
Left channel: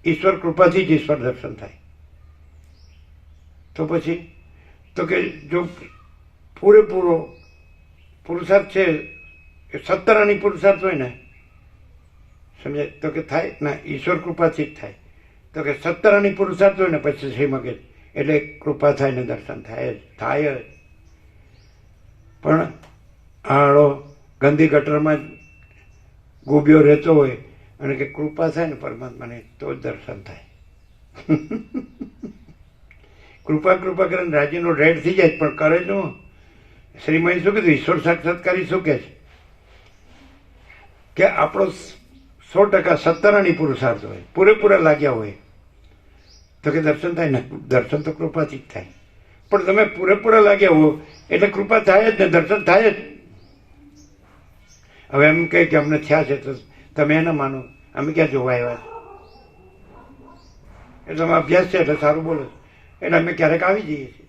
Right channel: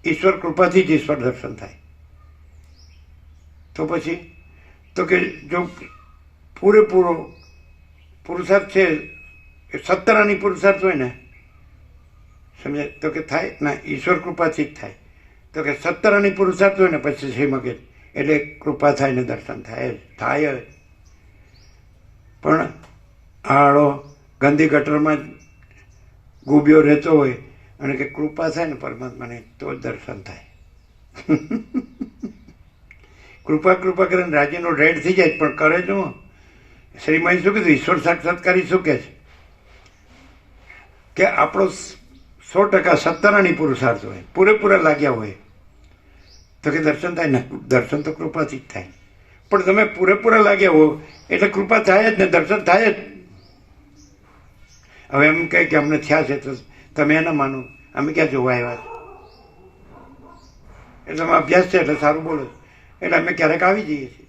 ઈશ્વર કૃપાથી જ ઈશ્વર દર્શન થાય. તો પછી તો કે જો પૂરેપૂરો પુરુષાર્થ છે, 17 આની પુરુષાર્થ હોય ને, સમજે, તો કે થાય ના, ઈશ્વર કૃપાથી જ થાય. તો કે 17 આની પુરુષાર્થ હોય ને પછી શ્રી મગજ એટલે કૃપા થાય ને દર્શન થાય જ થાય જ. પણ આળો ગંદી ગટરમાં જ ગુબ્યો રહેતો હોય અને કે કૃપા થાય ને પરમાત્માને તો જ દર્શન થાય. કૃપા કરીને રાજીનો રેડ થઈ જાય, પણ કરે જ હું. શ્રીમાઈ શું કીધું? ઈશ્વર સાક્ષાત્કારી શું કહે છે કે આપણો 100% 17 આની પુરુષાર્થ હોય, પૂરેપૂરા લાગ્યા હોય, તો કે દર્શન થાય ને? દર્શન તો કૃપાથી જ થાય. પણ તમે પૂરેપૂરા લાગ્યા હો એટલે કૃપા થાય જ ને, દર્શન થાય જ. હવે એમ કહે કે અમને થયા છે તો તમે એને માનો, અમે ક્યાં જોવા આવ્યા છે? એટલે તમે અભ્યાસ છે એટલે સારું બોલો, એટલે અમે ક્યારેક આવી જઈએ છીએ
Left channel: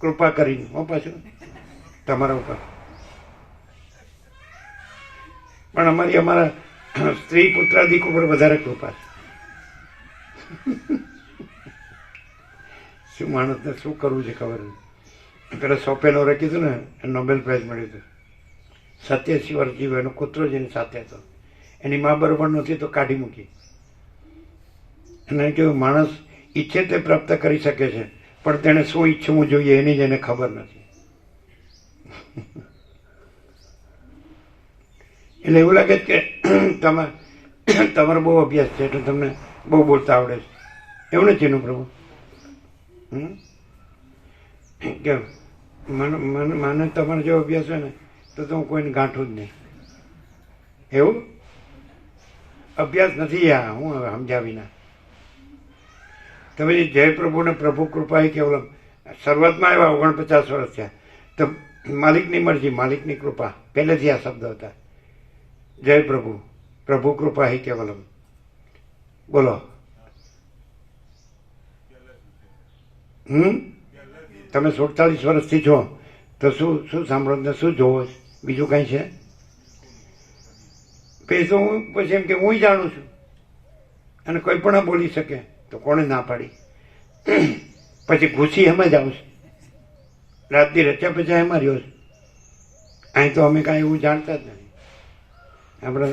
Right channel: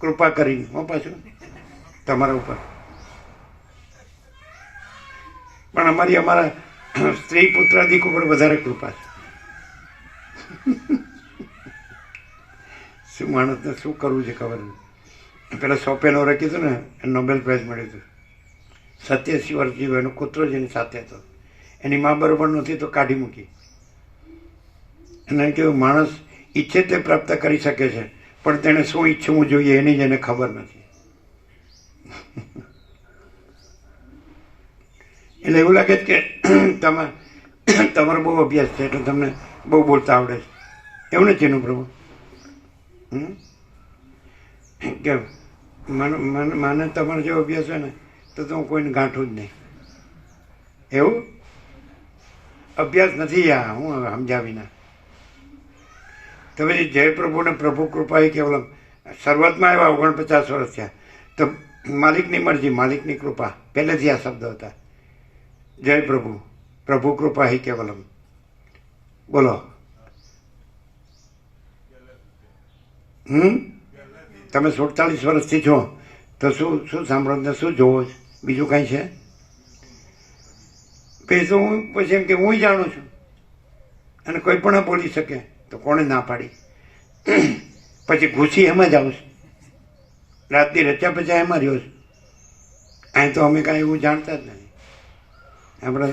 કૃપા કરીને. હું પાછું તમારા ઉપર પણ અમારા સ્ત્રી પુત્રાદિક ઉપર વધારે કૃપા છે. શું માણસને શું કરવું છે ખબર નથી. પેલા શોપેનોરે કીધું ને, નોબેલ પ્રાઇઝ મળ્યું હતું. 87 વર્ષ જીવ્યો, એનો કૂતરો જ એની સાથે હતો. એની મા બરોબર નહોતી તો કાઢી મૂકી. અને કહ્યું માણસ ઈચ્છે તે પ્રાપ્ત કરી શકે છે, પણ તેણે શું ઈચ્છવું જોઈએ એની જ એને ખબર નથી. એટલે એવું લાગે છે કે તમારો બહુ અભ્યાસ છે એટલે તમને બહુ બોલતા આવડે છે, એવું નથી એનું પ્રભુ. કે મને તમારો જેવો અભ્યાસ હોય ને તો હું કોઈને ગાંઠું જ નહીં. એવું અભ્યાસ નથી આ, હું હવે સમજાવીને. તો પછી જય પ્રભુને પ્રભુ કૃપા એ કેવલમ શરૂઆતમાં આવ્યા 49 વર્ષ થયા તો માલિકની મરજી, માલિકની કૃપા, પહેલેથી આ શબ્દ હતા. જય પ્રભુ પ્રભુ કૃપા હિ કેવલમ. બોલો. તમે 47 વર્ષથી છો તો શું શું સાંભળો ને શું જોવો છો? બીજું કાંઈ છે? પછી તો હું પછી એમ કે હું જાણું છું અને કોઈ પણ ના બોલી શકે તો કોણે ના પાડી? પછી ઘૂસી એમ જ આવશે. રાતની રચ્યા પચ્યા એમાં રહ્યો છે. અહીં તો અમે કાંઈ એવું જાણતા જ નથી. આપણે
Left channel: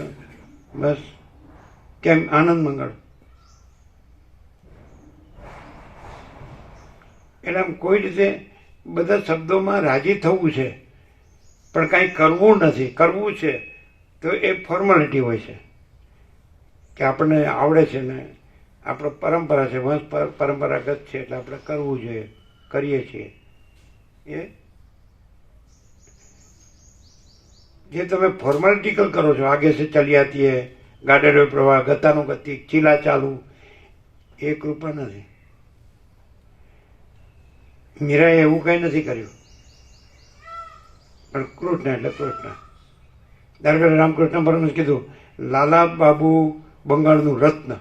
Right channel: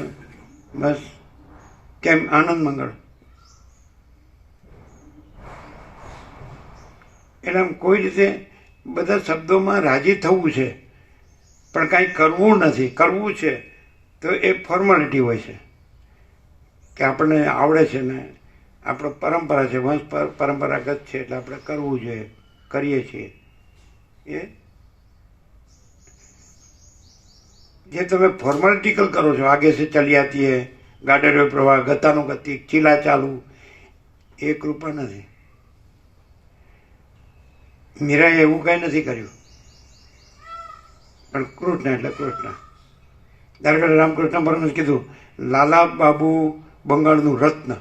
બસ કેમ આનંદ મંગળ. એટલે આમ કોઈ રીતે બધા શબ્દોમાં રાજી થવું છે પણ કાંઈ કરવું નથી. કરવું છે તો એ ફોર્માલિટી હોય છે કે આપણને આવડે છે ને આપણો પરંપરા છે, વંશ પરંપરાગત છે એટલે આપણે કરવું જોઈએ, કરીએ છીએ. એ જે તમે ફોર્માલિટીકલ કરો છો, આગે સે ચલી આતી હે, ગાડેરો પ્રવાહ, ગતાનો ગતિ, ચીલા ચાલુ, એ કૃપા નથી. મીરાએ એવું કંઈ નથી કર્યું પણ કૃષ્ણ એટલે કૃષ્ણ. દાખલા રામકૃષ્ણ પરમહંસે કીધું લાલા બાબુ બંગાળનું રત્ન,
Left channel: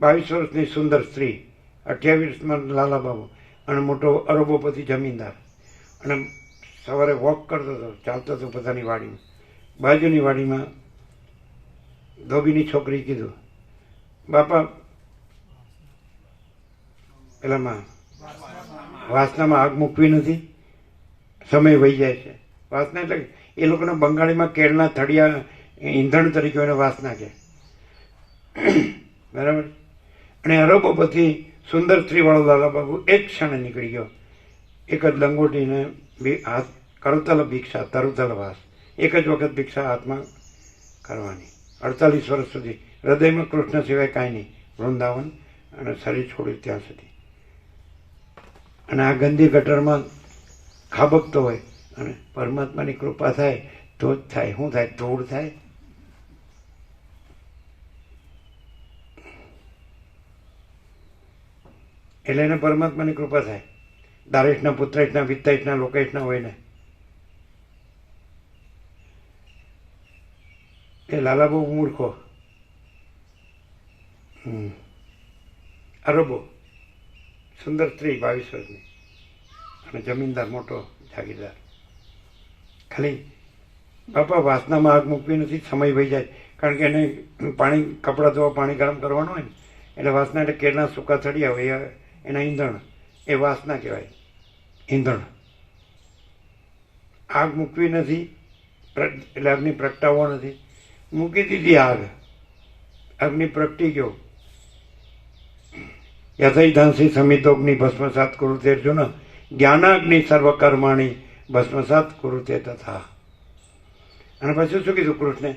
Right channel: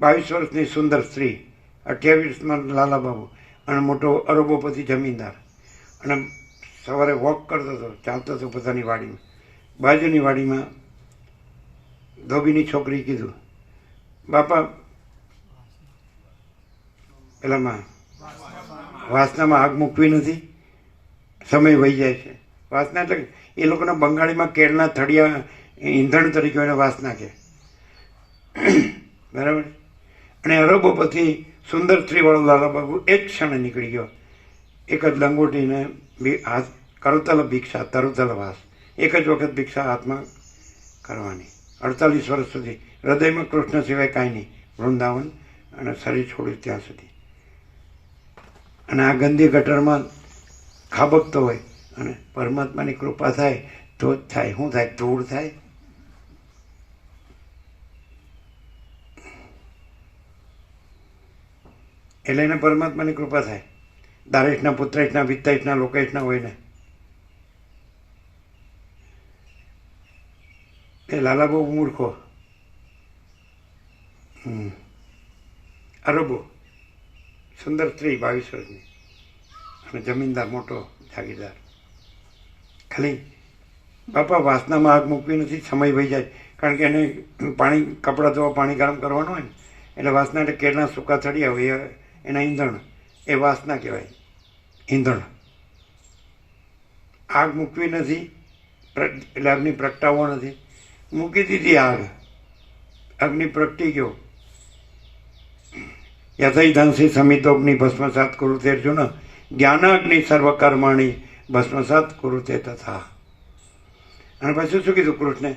22 વર્ષની સુંદર સ્ત્રી, 28માં લાલા બાબુ અને મોટો અરબોપતિ જમીનદાર, અને સવારે વોક કરતો હતો, ચાલતો હતો પોતાની વાડીમાં. બાજુની વાડીમાં ધોબીની છોકરી કીધું, બાપા પેલામાં વાસનામાં આગ મૂકવી નથી, સમય વહી જાય છે. વાસના એટલે એ લોકોના બંગાળીમાં કેળના થળિયા ઈંધણ તરીકે એને વાસના કહે, બરાબર. અને અરબોપતિ સુંદર સ્ત્રીવાળો લાલા બાબુ એક ક્ષણે નીકળી ગયો. એક જ લંગોટીને હાથ કરતલ ભિક્ષા, તરુતલ વાસ, એક જ વખત ભિક્ષા હાથમાં કરવાની. 48 વર્ષ સુધી હૃદયમાં કૃષ્ણ સિવાય કાંઈ નહીં, વૃંદાવન અને શરીર છોડ્યું ત્યાં સુધી. અને આ ગંદી ગટરમાં ખાબકતો હોય અને પરમાત્માની કૃપા થાય તો જ થાય. શું થાય? ધૂળ થાય. એટલે એને પરમાત્માની કૃપા થાય. દારેશના, પુત્રેશના, વિત્તેશના, લોકેશના હોય ને. એ લાલા બહુ મૂર્ખો. અરબો સુંદર સ્ત્રી 22 વર્ષની અને જમીનદાર, મોટો જાગીરદાર. ખાલી બાપા વાસનામાં આગ મૂકવી નથી, સમય વહી જાય. કારણ કે એને પાણી, કપડાં ધોવા પાણી ગરમ કરવાનું હોય ને એટલે વાસના એટલે કેળના સૂકા થળિયા હોય એના ઈંધણ, એ વાસના કહેવાય, ઈંધણ. આગ મૂકવી નથી એટલે અગ્નિ પ્રગટાવવો નથી. મૂકી દીધી આગ, અગ્નિ પ્રગટી ગયો. યથૈધાંસી સમિતોગ્નિ ભસ્મસાત કુરુતે અર્જુન, જ્ઞાનાગ્નિ સર્વકર્માણી ભસ્મસાત કુરુતે તથા. અને પછી શું કીધું કૃષ્ણે?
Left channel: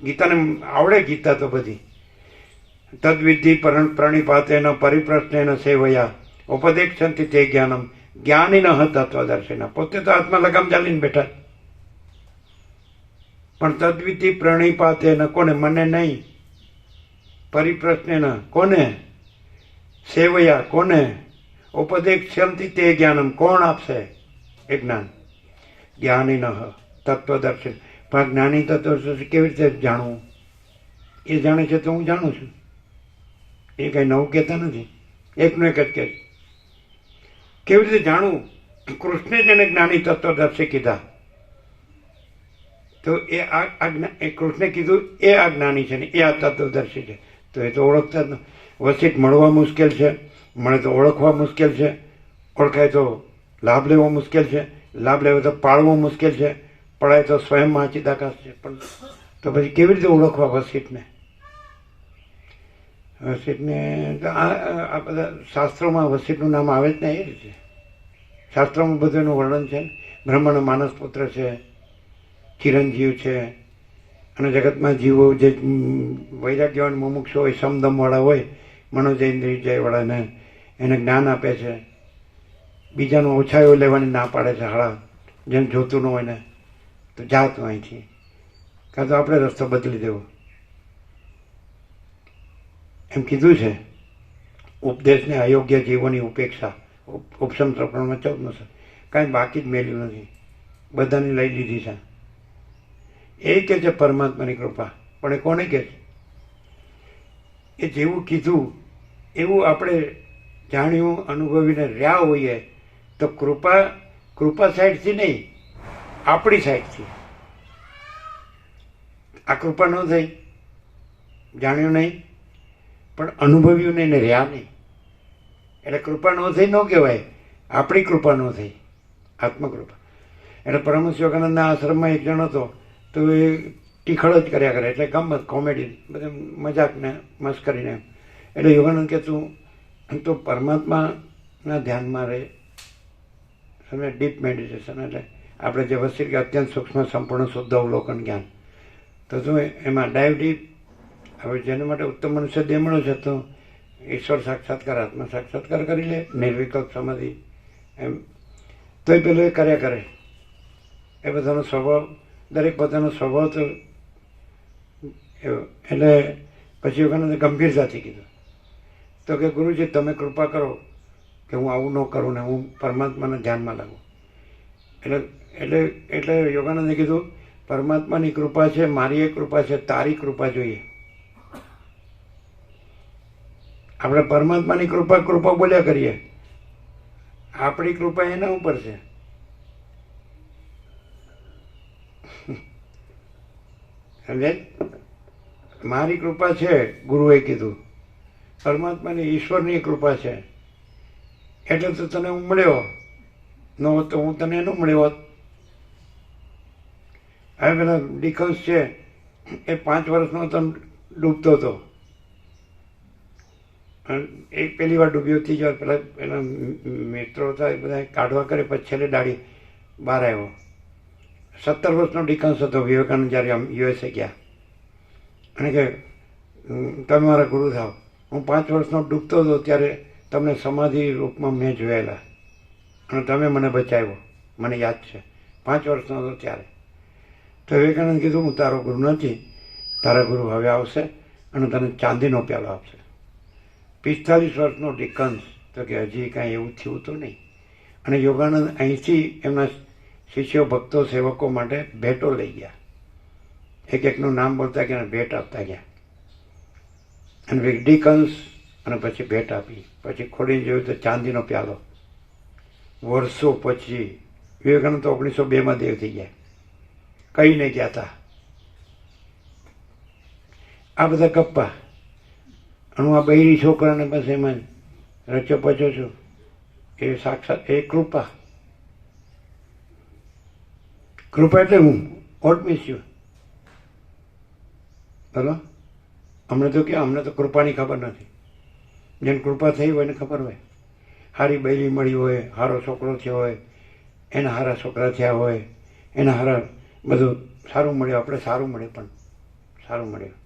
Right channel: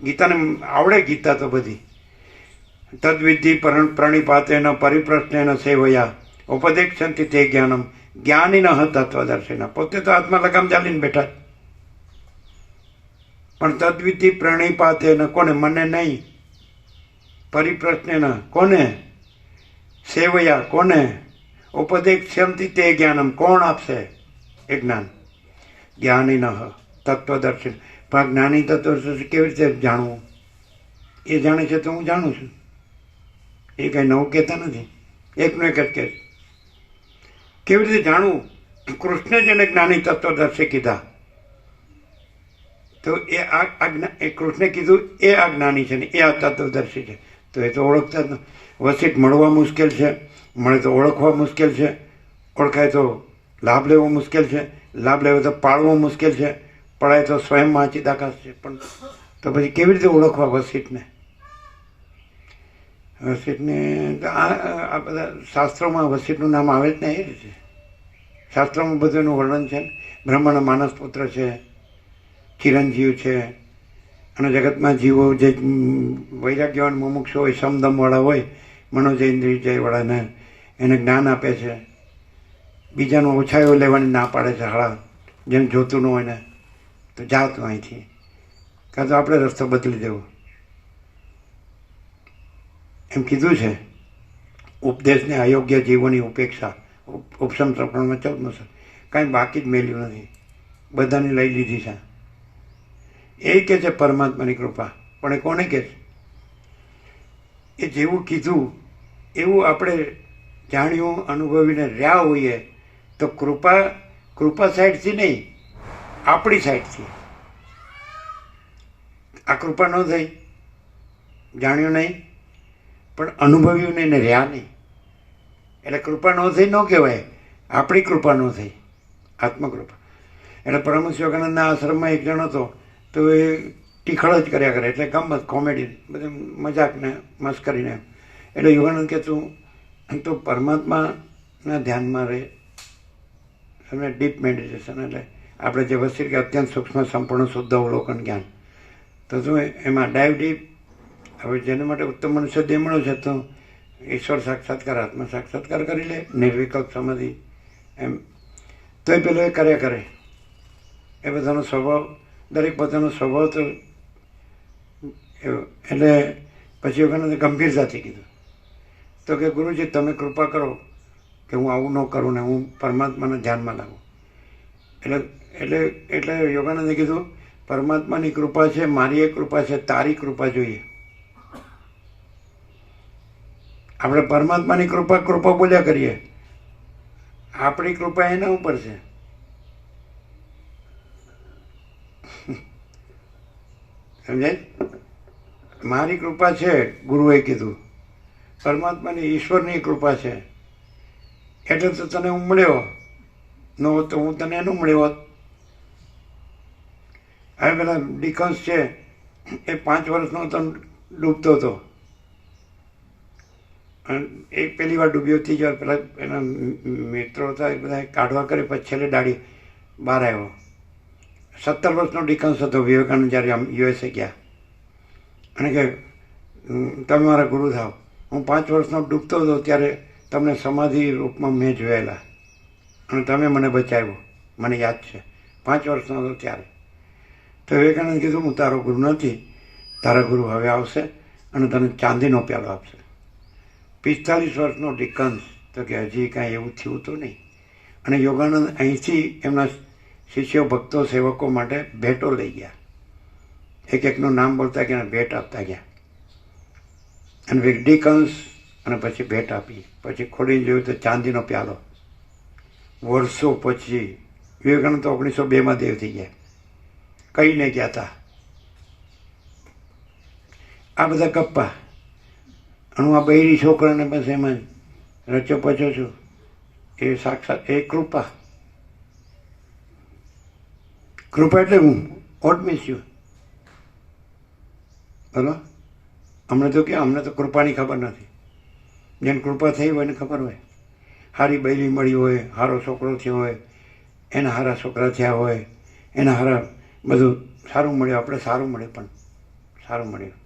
ગીતાને આવડે, ગીતા તો બધી. તદ્વિધિ પ્રણિપાતેન પરિપ્રશ્નેન સેવયા ઉપદેક્ષંતિ તે જ્ઞાનમ જ્ઞાનિન તત્વદર્શિન. પોતે તો હાથમાં લગામ ચાલીને બેઠા, પણ તદ્વિધિ પ્રણિપાતેન, કોને? મને નહીં. પરિપ્રશ્નેન, કોને? સેવયા, કોને? ઉપદેક્ષંતિ તે જ્ઞાનમ, કોણ આપશે એ જ્ઞાન? જ્ઞાનિન તત્વદર્શિન. પણ જ્ઞાની તત્વ કેવી રીતે જાણવું? એ જાણે છે તો હું જાણું છું. એ કંઈ નવું કહેતા નથી, એકનું એક જ કહે. કેવી રીતે જાણવું? કૃષ્ણે જેને જ્ઞાની તત્વદર્શી કીધા તો એ કૃષ્ણે કીધું એ આ જ્ઞાની છે ને એ આ તત્વદર્શી છે. તો એ તો ઓળખતા જ ન. વસીઠ મળવા મુશ્કેલ છે, મળે તો ઓળખવા મુશ્કેલ છે, ઓળખાય તો લાભ લેવો મુશ્કેલ છે, લાભ લેવો તો પાળવો મુશ્કેલ છે, પડાય તો સ્વયં વાંચી દાખલ છે. પણ તો પછી કેવી રીતે ઓળખવા વસીઠને? વસીઠને આ બધા શાસ્ત્રોમાં વસીઠનું નામ આવે જ ને એ રીતે. શાસ્ત્રોમાં બધું એનું વર્ણન છે. બ્રહ્માનો માનસ પુત્ર છે, ચિરંજીવ છે, અને જગતમાં જીવો જે વૈરાગ્યવાન મુમુક્ષુ હોય, સમદમવાળા હોય, મનોજેન્દ્રિયવાળાને એને જ્ઞાન આપે છે. બીજાનું ઓછાયો લેવાની ના પાડે છે. હાળા જેમ જોતું ન હોય ને તો જાઓ તું અહીંથી, કાં તો આપણે રસ્તો બદલી દેવો એમ કીધું છે. ઉપદેશને અયોગ્ય જીવોની ઉપેક્ષા, ઉપસમ પ્રકરણમાં 14 કાંઈ બાકી જ મેલ્યું નથી, બધાને લઈ લીધી છે. એ કે છે પરમાત્માની કૃપા, પણ એ કોને કહે છે? એ જેવું કીધું એવું આપણે જાણ્યું અનુભવીને રહ્યા હોઈએ તો કૃપા સાઈડથી નહીં, આપણી સાઈડથી. આ કૃપા ન થઈ, જાણ્યું નહીં પણ અનુભવ્યું નહીં ને રહ્યા નહીં, એટલે કૃપા ન થઈ ન કહેવાય, આપણી કૃપા ન થઈ, આત્મકૃપા. એટલે પરમહંસ યોગાનંદના આશ્રમમાં એક જણ હતો, તો એ ટીખળ જ કર્યા કરે, એટલે ગમત, કોમેડી, બધું મજાક ને મસ્કરીને. એટલે યોગાનંદ કે તું પરમાત્માના ધ્યાનમાં રહે, સમજે, ડીપ મેડિટેશન, એટલે આપણે જે વસ્તુ કે અત્યંત સૂક્ષ્મ સંપૂર્ણ શુદ્ધ અવલોકન જ્ઞાન, તો તું એમાં ડાઈવ ડીપ. હવે જેના માટે ઉત્તમ મનુષ્ય દેહ મળ્યો છે તો ઈશ્વર સાક્ષાત્કાર, આત્મ સાક્ષાત્કાર કરી લે, નિર્વિકલ્પ સમાધિ એમ. તો એ પેલો એ કર્યા કરે, એ બધાનો સ્વભાવ, દરેક પોતાનો સ્વભાવ તો એવો. એટલે પછી યોગાનંદે ગંભીરતાથી કીધું, તો કે ગુરુજી તમે કૃપા કરો કે હું આવું ન કરું ને હું પરમાત્માને ધ્યાનમાં લાવું. એટલે યોગાનંદે કીધું પરમાત્માની કૃપા છે, મારી એક કૃપા છે, તારી કૃપા જોઈએ. આપણે પરમાત્માની કૃપા બોલ્યા કરીએ, આપણી કૃપા એના ઉપર છે. સમજાય? મારી કૃપા છે, ગુરુએ કીધું, પરમાત્માની ઈશ્વરની કૃપા છે, એટલે તો તને હું મળ્યો, ન હોત તો હું તને એનું મળ્યો હોત. હવે પેલા ડિકન્સ છે, એ 5 વર્ષનો તો ડૂબતો હતો, એક પહેલી વાર ડૂબ્યો, ત્રીજી વાર પેલા એના મિત્રો હતા એ બધા કાઢવા કરે, પછી છેલ્લે દાડી બહાર આવ્યો. 17 વર્ષનો ડિકન્સ હતો વિવેકાનંદ જ્યારે યુએસએ ગયા, અને કે તમે મારા ગુરુ થાવ. હું 5 વર્ષનો ડૂબતો હતો ત્યારે તમને સમાધિ રૂપમાં મેં જોયેલા, અને તમે મને બચાવ્યો, મને યાદ છે. 5 વર્ષનો હતો ત્યારે. તો વિવેકાનંદ કીધું હું તારો ગુરુ નથી, તારા ગુરુ હવે આવશે અને તને ચાંદીનો પ્યાલો આપશે. 45 વર્ષનો ડિકન્સ, તો કે હજી કાંઈ એવું થયું તો નહીં. અને યોગાનંદ અહીંથી એમના શિષ્યો, ભક્તો, સેવકો માટે ભેટો લઈ ગયા, એક એકનું નામ બોલતા ગયા, ભેટ આપતા ગયા. અને ડિકન્સ, અને પછી ભેટ આપી, પછી ખોડીને જોયું તો ચાંદીનો પ્યાલો. વર્ષો પછી વિવેકાનંદ તો 1902માં દેવ થઈ ગયા, કહીને ગયા હતા. આ બધા ગપ્પા. અને હું આ બૈરી છોકરાને બસ એમાં રચો પચો છું, એ સાક્ષાત એ કૃપા. કૃપા એટલે હું વોટ મીન્સ યુ, બોલો. અમને તો કૃપાની ખબર નથી. જેને કૃપા થઈ હોય એને ખબર હોય. સારી બૈરી મળી હોય, સારો છોકરો થયો હોય, એના સારા છોકરા થયા હોય, એના સારા બધું સારું મળ્યું, આપણે સારું મળે, પણ સારું મળ્યું.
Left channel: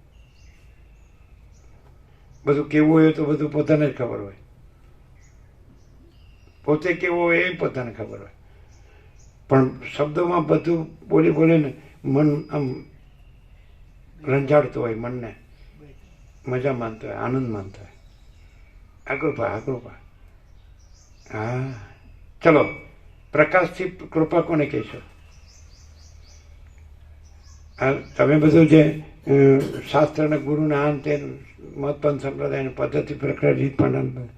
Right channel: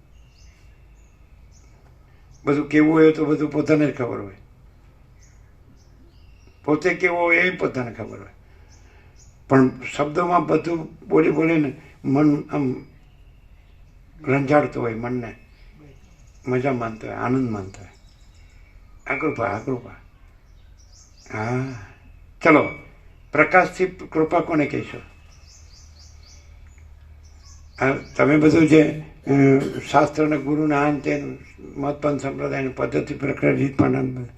બધું કેવું હોય તો બધું પોતાને જ ખબર હોય, પોતે કેવો હોય એ પોતાને ખબર હોય. પણ શબ્દોમાં બધું બોલીને મન આમ રંજાડતું હોય, મનને મજા માનતો હોય, આનંદ માનતો હોય. આ કૃપા. હા, ચલો, પ્રકાશથી કૃપા કોને કહેશો? તમે બધું જે શાસ્ત્રના ગુરુના આન તે મહત્પંથ સંપ્રદાયની પદ્ધતિ પ્રક્રિયા રીત પણ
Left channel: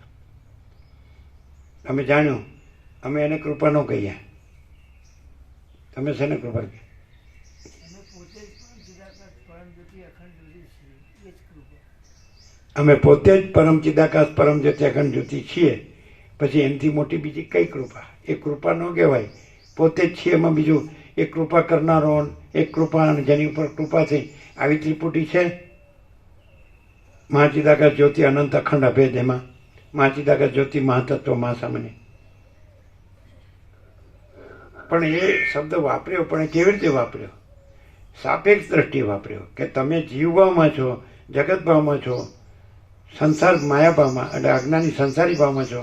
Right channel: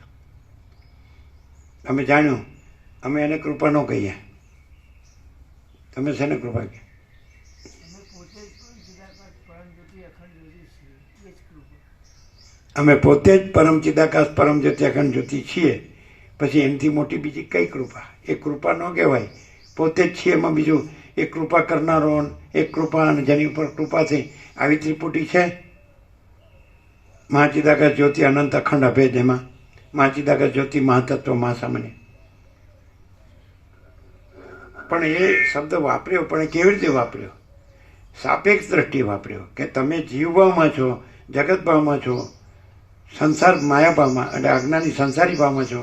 અમે જાણ્યું, અમે એને કૃપા ન કહીએ. તમે શેને કૃપા કહે? અમે પોતે જ પરમ ચિદાકાશ પરમ જ્યોતિ અખંડ જ્યોતિ છીએ, પછી એનાથી મોટી બીજી કઈ કૃપા? એ કૃપા ન કહેવાય, પોતે જ છીએ. એમાં બીજું એક કૃપા કરનારો, એક કૃપા, અને જેની ઉપર કૃપા થઈ, આવી ત્રિપુટી છે. મહાચિદાકાશ જ્યોતિ અનંત અખંડ અભેદ, એમાં મહાચિદાકાશ જ્યોતિ મહાતત્વ મહાસામાન્ય. પણ એ શબ્દ વાપર્યો, પણ એ કેવી રીતે વાપર્યો? સાપેક્ષ દ્રષ્ટિ વાપર્યો, કે તમે જીવભાવમાં છો, જગતભાવમાં છો, સંસાર માયાભાવમાં, એટલે અજ્ઞાની સંસારી ભાવમાં છો,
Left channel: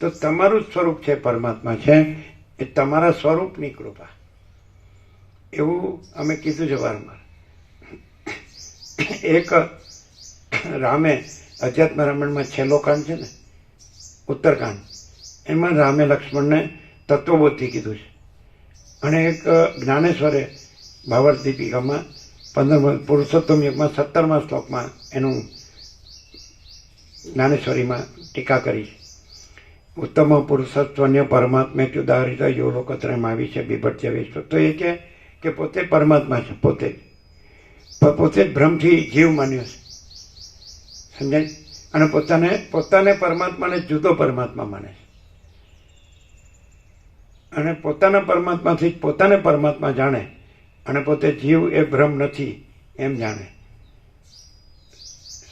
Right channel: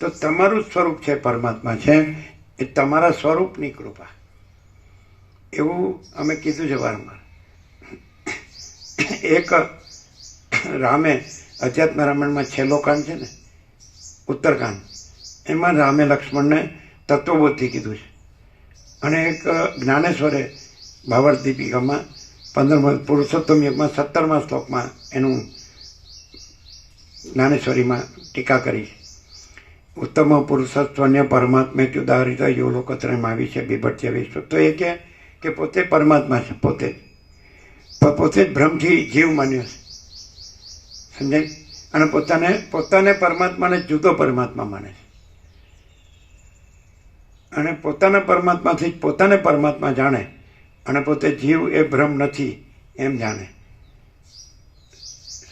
તો તમારું જ સ્વરૂપ છે પરમાત્મા છે, એ તમારા સ્વરૂપની કૃપા. એવું અમે કીધું છે વારંવાર. એક રામે અધ્યાત્મ રામાયણમાં છેલ્લો કાંડ છે ને, ઉત્તરકાંડ, એમાં રામે લક્ષ્મણને તત્વબોધથી કીધું છે. અને એક જ્ઞાનેશ્વરે ભાવાર્થ દીપિકામાં પુરુષોત્તમ યુગમાં 17મા શ્લોકમાં એનું જ્ઞાનેશ્વરીમાં ટીકા કરી છે. ઉત્તમ પુરુષત્વન્ય પરમાત્મ્યુદાહરિત યો લોકત્રયમાં આવી છે બીભટ્ય વિશ્વ. તો એ કે પોતે પરમાત્મા છે, પોતે જ ભ્રમથી જીવ માન્યો છે, સમજાય? અને પોતાને પરમાત્માને જુદો પરમાત્મા માને છે અને પોતાના પરમાત્માથી પોતાને પરમાત્મા જાણે અને પોતે જીવ એ ભ્રમ નથી એમ જાણે,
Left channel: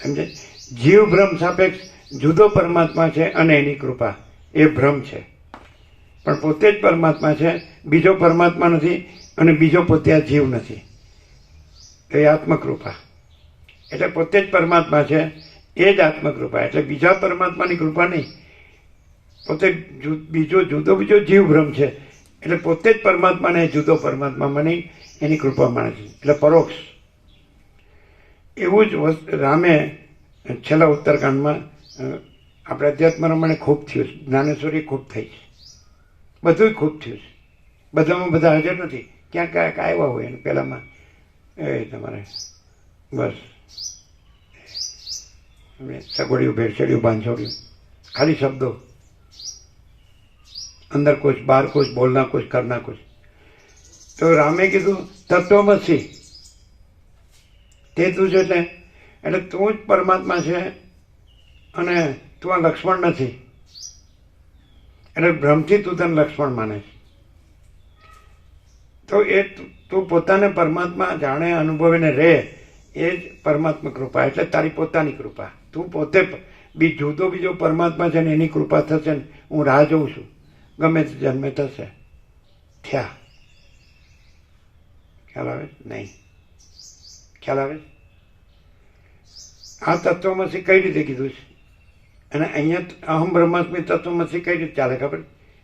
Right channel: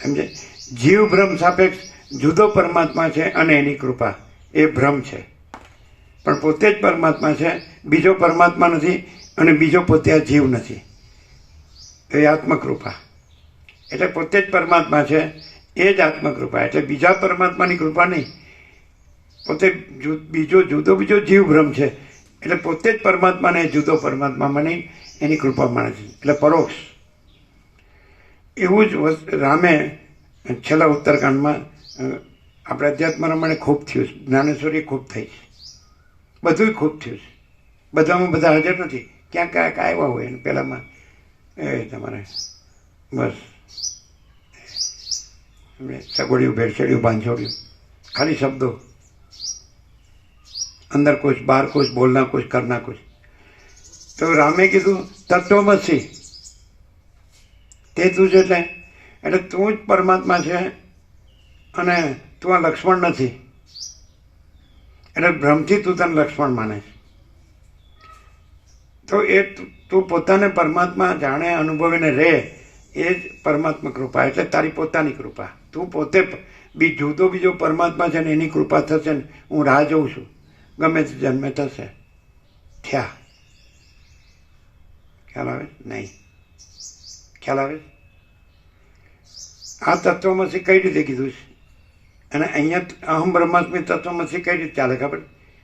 સમજે? જીવ ભ્રમ સાપેક્ષ જુદો પરમાત્મા છે અને એની કૃપા એ ભ્રમ છે, પણ પોતે જ પરમાત્મા છે, બીજો પરમાત્મા નથી અને બીજો પોતે આ જીવ નથી. એ આત્મકૃપા એટલે પોતે જ પરમાત્મા છે, એ જ આત્મકૃપા. એટલે બીજા પરમાત્માની કૃપા નહીં, પોતે બીજો જીવ ભ્રમ છે એટલે પોતે જ પરમાત્માને જુદો પરમાત્મા માની એની કૃપા માને છે, એટલે પરોક્ષ. એવું જ રામે છેલ્લા ઉત્તરકાંડમાં આપણે અધ્યાત્મ રમણે ખૂબ થયું છે, જ્ઞાનેશ્વરી ખૂબ થઈ છે, બધું ખૂબ થયું છે. બધામાં બધા હાજર નથી, ક્યાંક આવ્યા હોય અને પહેલામાં એ તમારે બસ સગવડિયું, ભેળસેડિયું, બાંધછોડ્યું, ખાલી શબ્દો, અંદર કુછ બહાર કુછ, બોલના કુછ કરના કુછ. તો રામે કીધું તત્વમસી, તે તું છે એટલે તું જ પરમાત્મા છે અને તું આ લક્ષ્મણ નથી. એટલે ભ્રમથી તું તને લક્ષ્મણ માને છે. તો એ તું પોતાને પરમાત્મા જાણે, અનુભવીને રહે, એ જ પરમાત્મા કૃપા, એટલે તારી પોતાની કૃપા. તું પોતે બીજો પરમાત્મા છે ને એની કૃપા થશે ને હું રાહ જોઉં છું, ગમે તે જન્મે થશે, થયા. ખ્યાલ આવે? નહીં. ખ્યાલ આવે? આ તત્વમસી કઈ રીતે કીધું છે અને અહીંયા અહમ બ્રહ્માસ્મિ તત્વમસી કઈ રીતે ચાલે ખબર?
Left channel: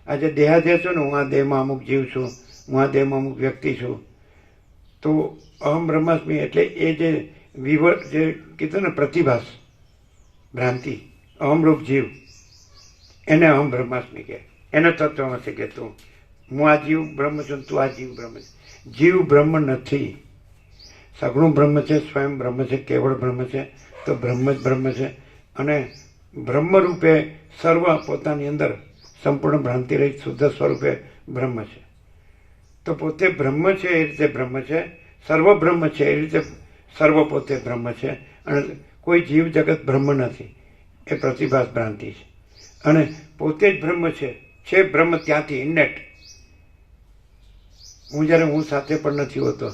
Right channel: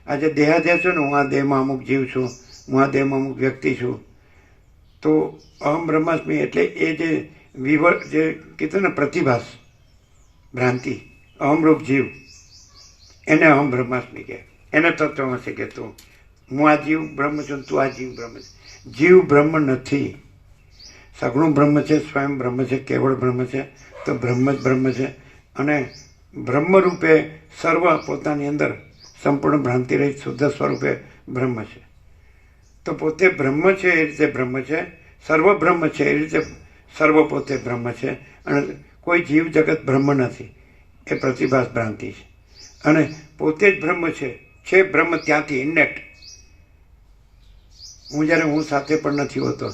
આજે દેહાધ્યાસ છે ને, હું આ દેહમાં અમુક જીવ છું, હું આ દેહમાં અમુક વ્યક્તિ છું. તો અહમ બ્રહ્માસ્મિ એટલે એ જે જે કીધું ને પ્રતિભાસ, ભ્રાંતિ, અહમરૂપ જીવ, એને અહમ બ્રહ્માસ્મિ કહે, એને તત્વમસી કહે. તું હું આ જીવ બ્રહ્મ છું, તું આ જીવ બ્રહ્મ છે. જીવ બ્રહ્મ નથી, સગુણ બ્રહ્મ છે, સ્વયં બ્રહ્મ છે, કેવળ બ્રહ્મ છે. તો બ્રહ્મ જ બ્રહ્મ છે અને બ્રહ્મરૂપે સર્વ પોતાની અંદર સંપૂર્ણ ભ્રાંતિ રહિત શુદ્ધ સ્વરૂપે બ્રહ્મ છે. તો પોતે બ્રહ્મ છે એ રીતે બ્રહ્મ છે, સર્વ બ્રહ્મ છે એ રીતે સર્વ પોતે બ્રહ્મ છે અને કોઈ જીવ જગત બ્રહ્મ નથી, એ પ્રતિભાસ ભ્રાંતિ છે. અને પોતે જ બ્રહ્મ છે બ્રહ્મ ત્યાંથી ઇન્નેટ. જ્યારે હું સાથે પણ નથી હોતો,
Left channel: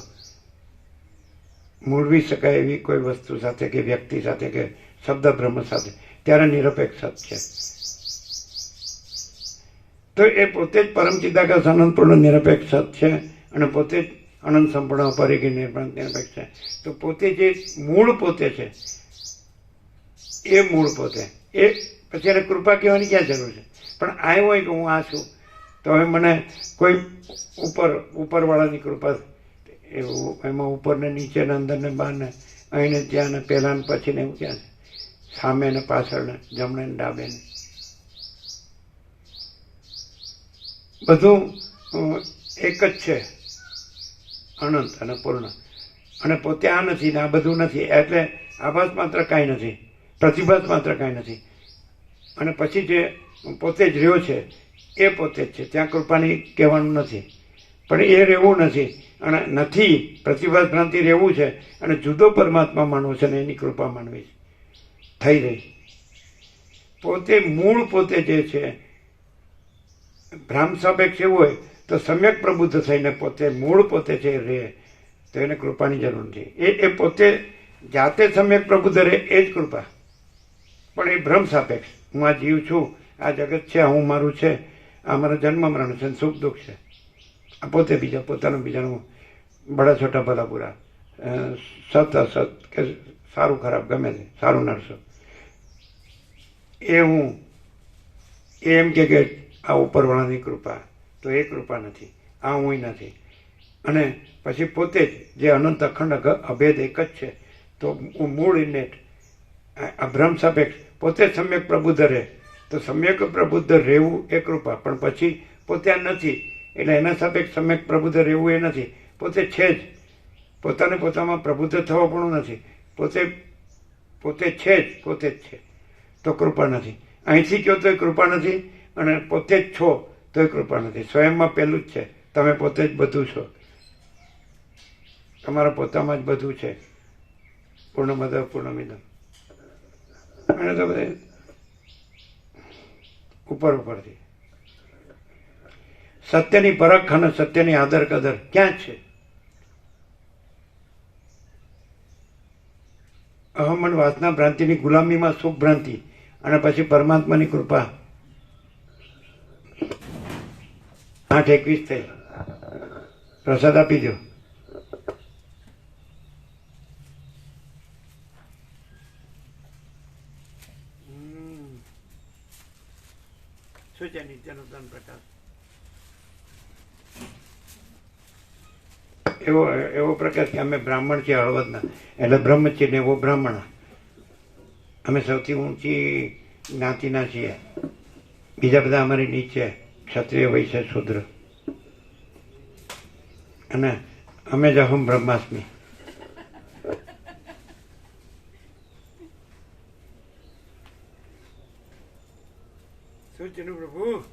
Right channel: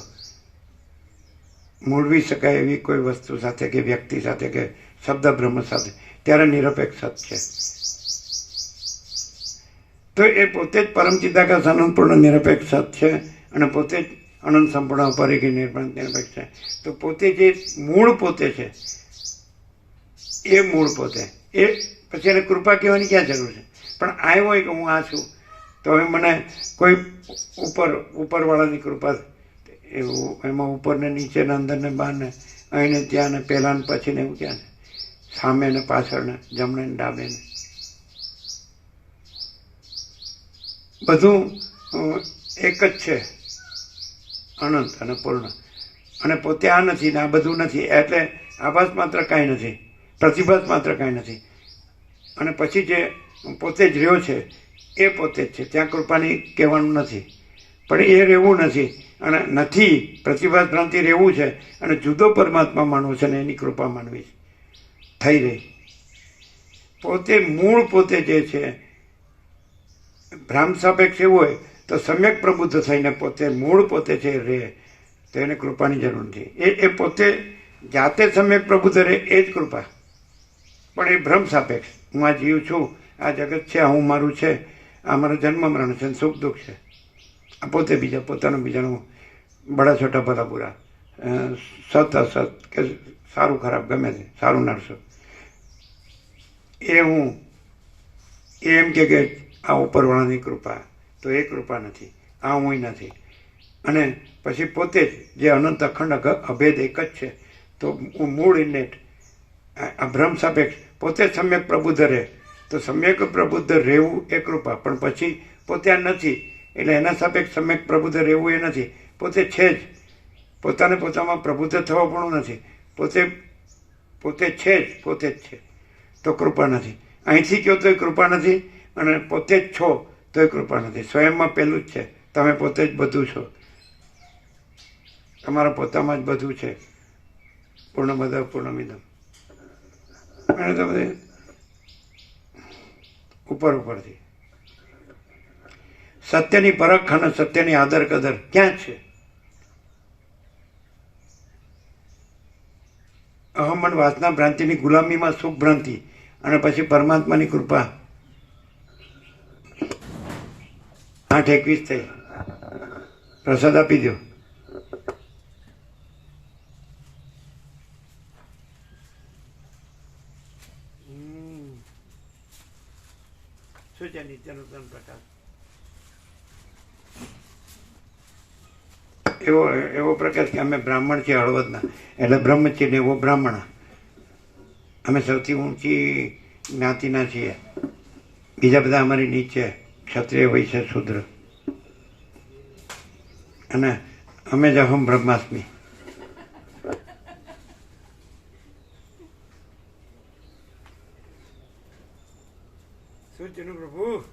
મૂળવી શકાય એવી કોઈ વસ્તુ સાથે કે વ્યક્તિ સાથે કે શબ્દ બ્રહ્મ સાથે, ત્યારે નિરપેક્ષ સત છે. તો એ પોતે જ પરમ ચિદાકાશ અનંતપૂર્ણ નિરપેક્ષ સત છે અને પોતે જ અનંત સંપૂર્ણ અપરિગ્રહી નિરપેક્ષ છે. તો પોતે જે મૂળ પોતે છે એ મૂળ પોતે, એ પછી એને કૃપા કહેવાની ક્યાં જરૂર છે? પણ આવ્યો હોય કે હું આ છું તો હવે મને કોઈ ઉપરવાળાની કૃપા, એવું એમાં ઉપર ને નીચે ને અંદર ને બહાર ને અહીં ને ત્યાં ને પહેલા ને પછી ને એવું ક્યાં છે? સામે ને પાછળ ને જમણે ને ડાબે ને બધું એક જ છે, અનંત અને પૂર્ણ. અને પોતે આ નથી ને આ બધું નથી, એટલે આભાસ માત્ર કાંઈ નથી, પ્રતિભાસ માત્ર કાંઈ નથી. અને પછી જે પોતે જ રહ્યો છે એ પોતે જ છે, ત્યાં કૃપાની કહેવાનું નથી. પણ એ રહેવું નથી અને નથી, પ્રતિભાસ ભ્રાંતિ રહેવું છે અને જુદો પરમાત્મા માનવો છે અને એની કૃપા માનવી છે, થઈ રહી. પોતે મૂળ પોતે જે છે, ભ્રામ સાપેક્ષ એવું હોય તો સમ્યક પ્રબુદ્ધ થઈને પોતે મૂળ પોતે છે રહે, તો એને કૃપાની જરૂર નથી. એ પોતે જાતે સમ્યક પ્રબુદ્ધ રહે એ જ કૃપા. પણ એ ભ્રમ સાપેક્ષ, હું આ જીવ છું, આ જગત છે, હું મારું છે, આ મારો જન્મ મરણ છે, સુખ દુઃખ છે, આ પોતે બીજા પોતાનું બીજાનું બડા છોટા ભલા પૂરા, સત અસત કે સારું ખરાબ ગમે તે, સારું નરસો, એ હું એમ કે આ ઉપરવાળાની કૃપા, તો એ કૃપા નથી, આ હું નથી. અને પછી પોતે જ જે અનંત અખંડ અભેદ એક જ છે, તો મૂળ ઇન્નેટ આ ભ્રમ સાપેક્ષ પોતે સમ્યક પ્રબુદ્ધ રહે, તો સમ્યક પ્રબુદ્ધ રહેવું એ કૃપા. પણ પછી પોતે આ નથી એટલે એના સાપેક્ષ સમ્યક પ્રબુદ્ધ રહેવું એ નથી, પોતે છે જ પોતાને પોતામાં પ્રભુત્વ થવા પણ નથી. પોતે છે જ, પોતે જ છે, તો કૃપા નથી. અહીંથી કહો તોય કૃપા નથી, અને પોતે જ છો તોય કૃપા નથી. સ્વયંમાં પહેલું જ છે, તમે પોતે જ બધું છો, તમારા પોતામાં જ બધું છે. પૂર્ણમદ પૂર્ણમિદમ. અને તો બધે ઉપરથી સત્યની પરખ અને સત્યની આદર કદર ક્યાં છે? અહમ અને વાસના ભ્રાંતિની ગુલામીમાં સુખ ભ્રાંતિ, અને પછી પરમાત્માની કૃપા. 8:21 થઈ. પ્રસાદ આપી દો. શું છે નિત્યનો ત્રણ પ્રકાશ? એવો પ્રકાશ કે અમે બ્રાહ્મણ છીએ હળવદના, એટલે બ્રહ્મ છીએ ને એવો બ્રાહ્મણ. અમે સૌથી ઊંચી જ્ઞાતિના છીએ, બીજા બધા અમારી નીચે, ક્ષત્રિય, વૈશ્ય, શૂદ્ર. અને અમે જ અહમ બ્રહ્માસ્મિ. શું છે પ્રભુ?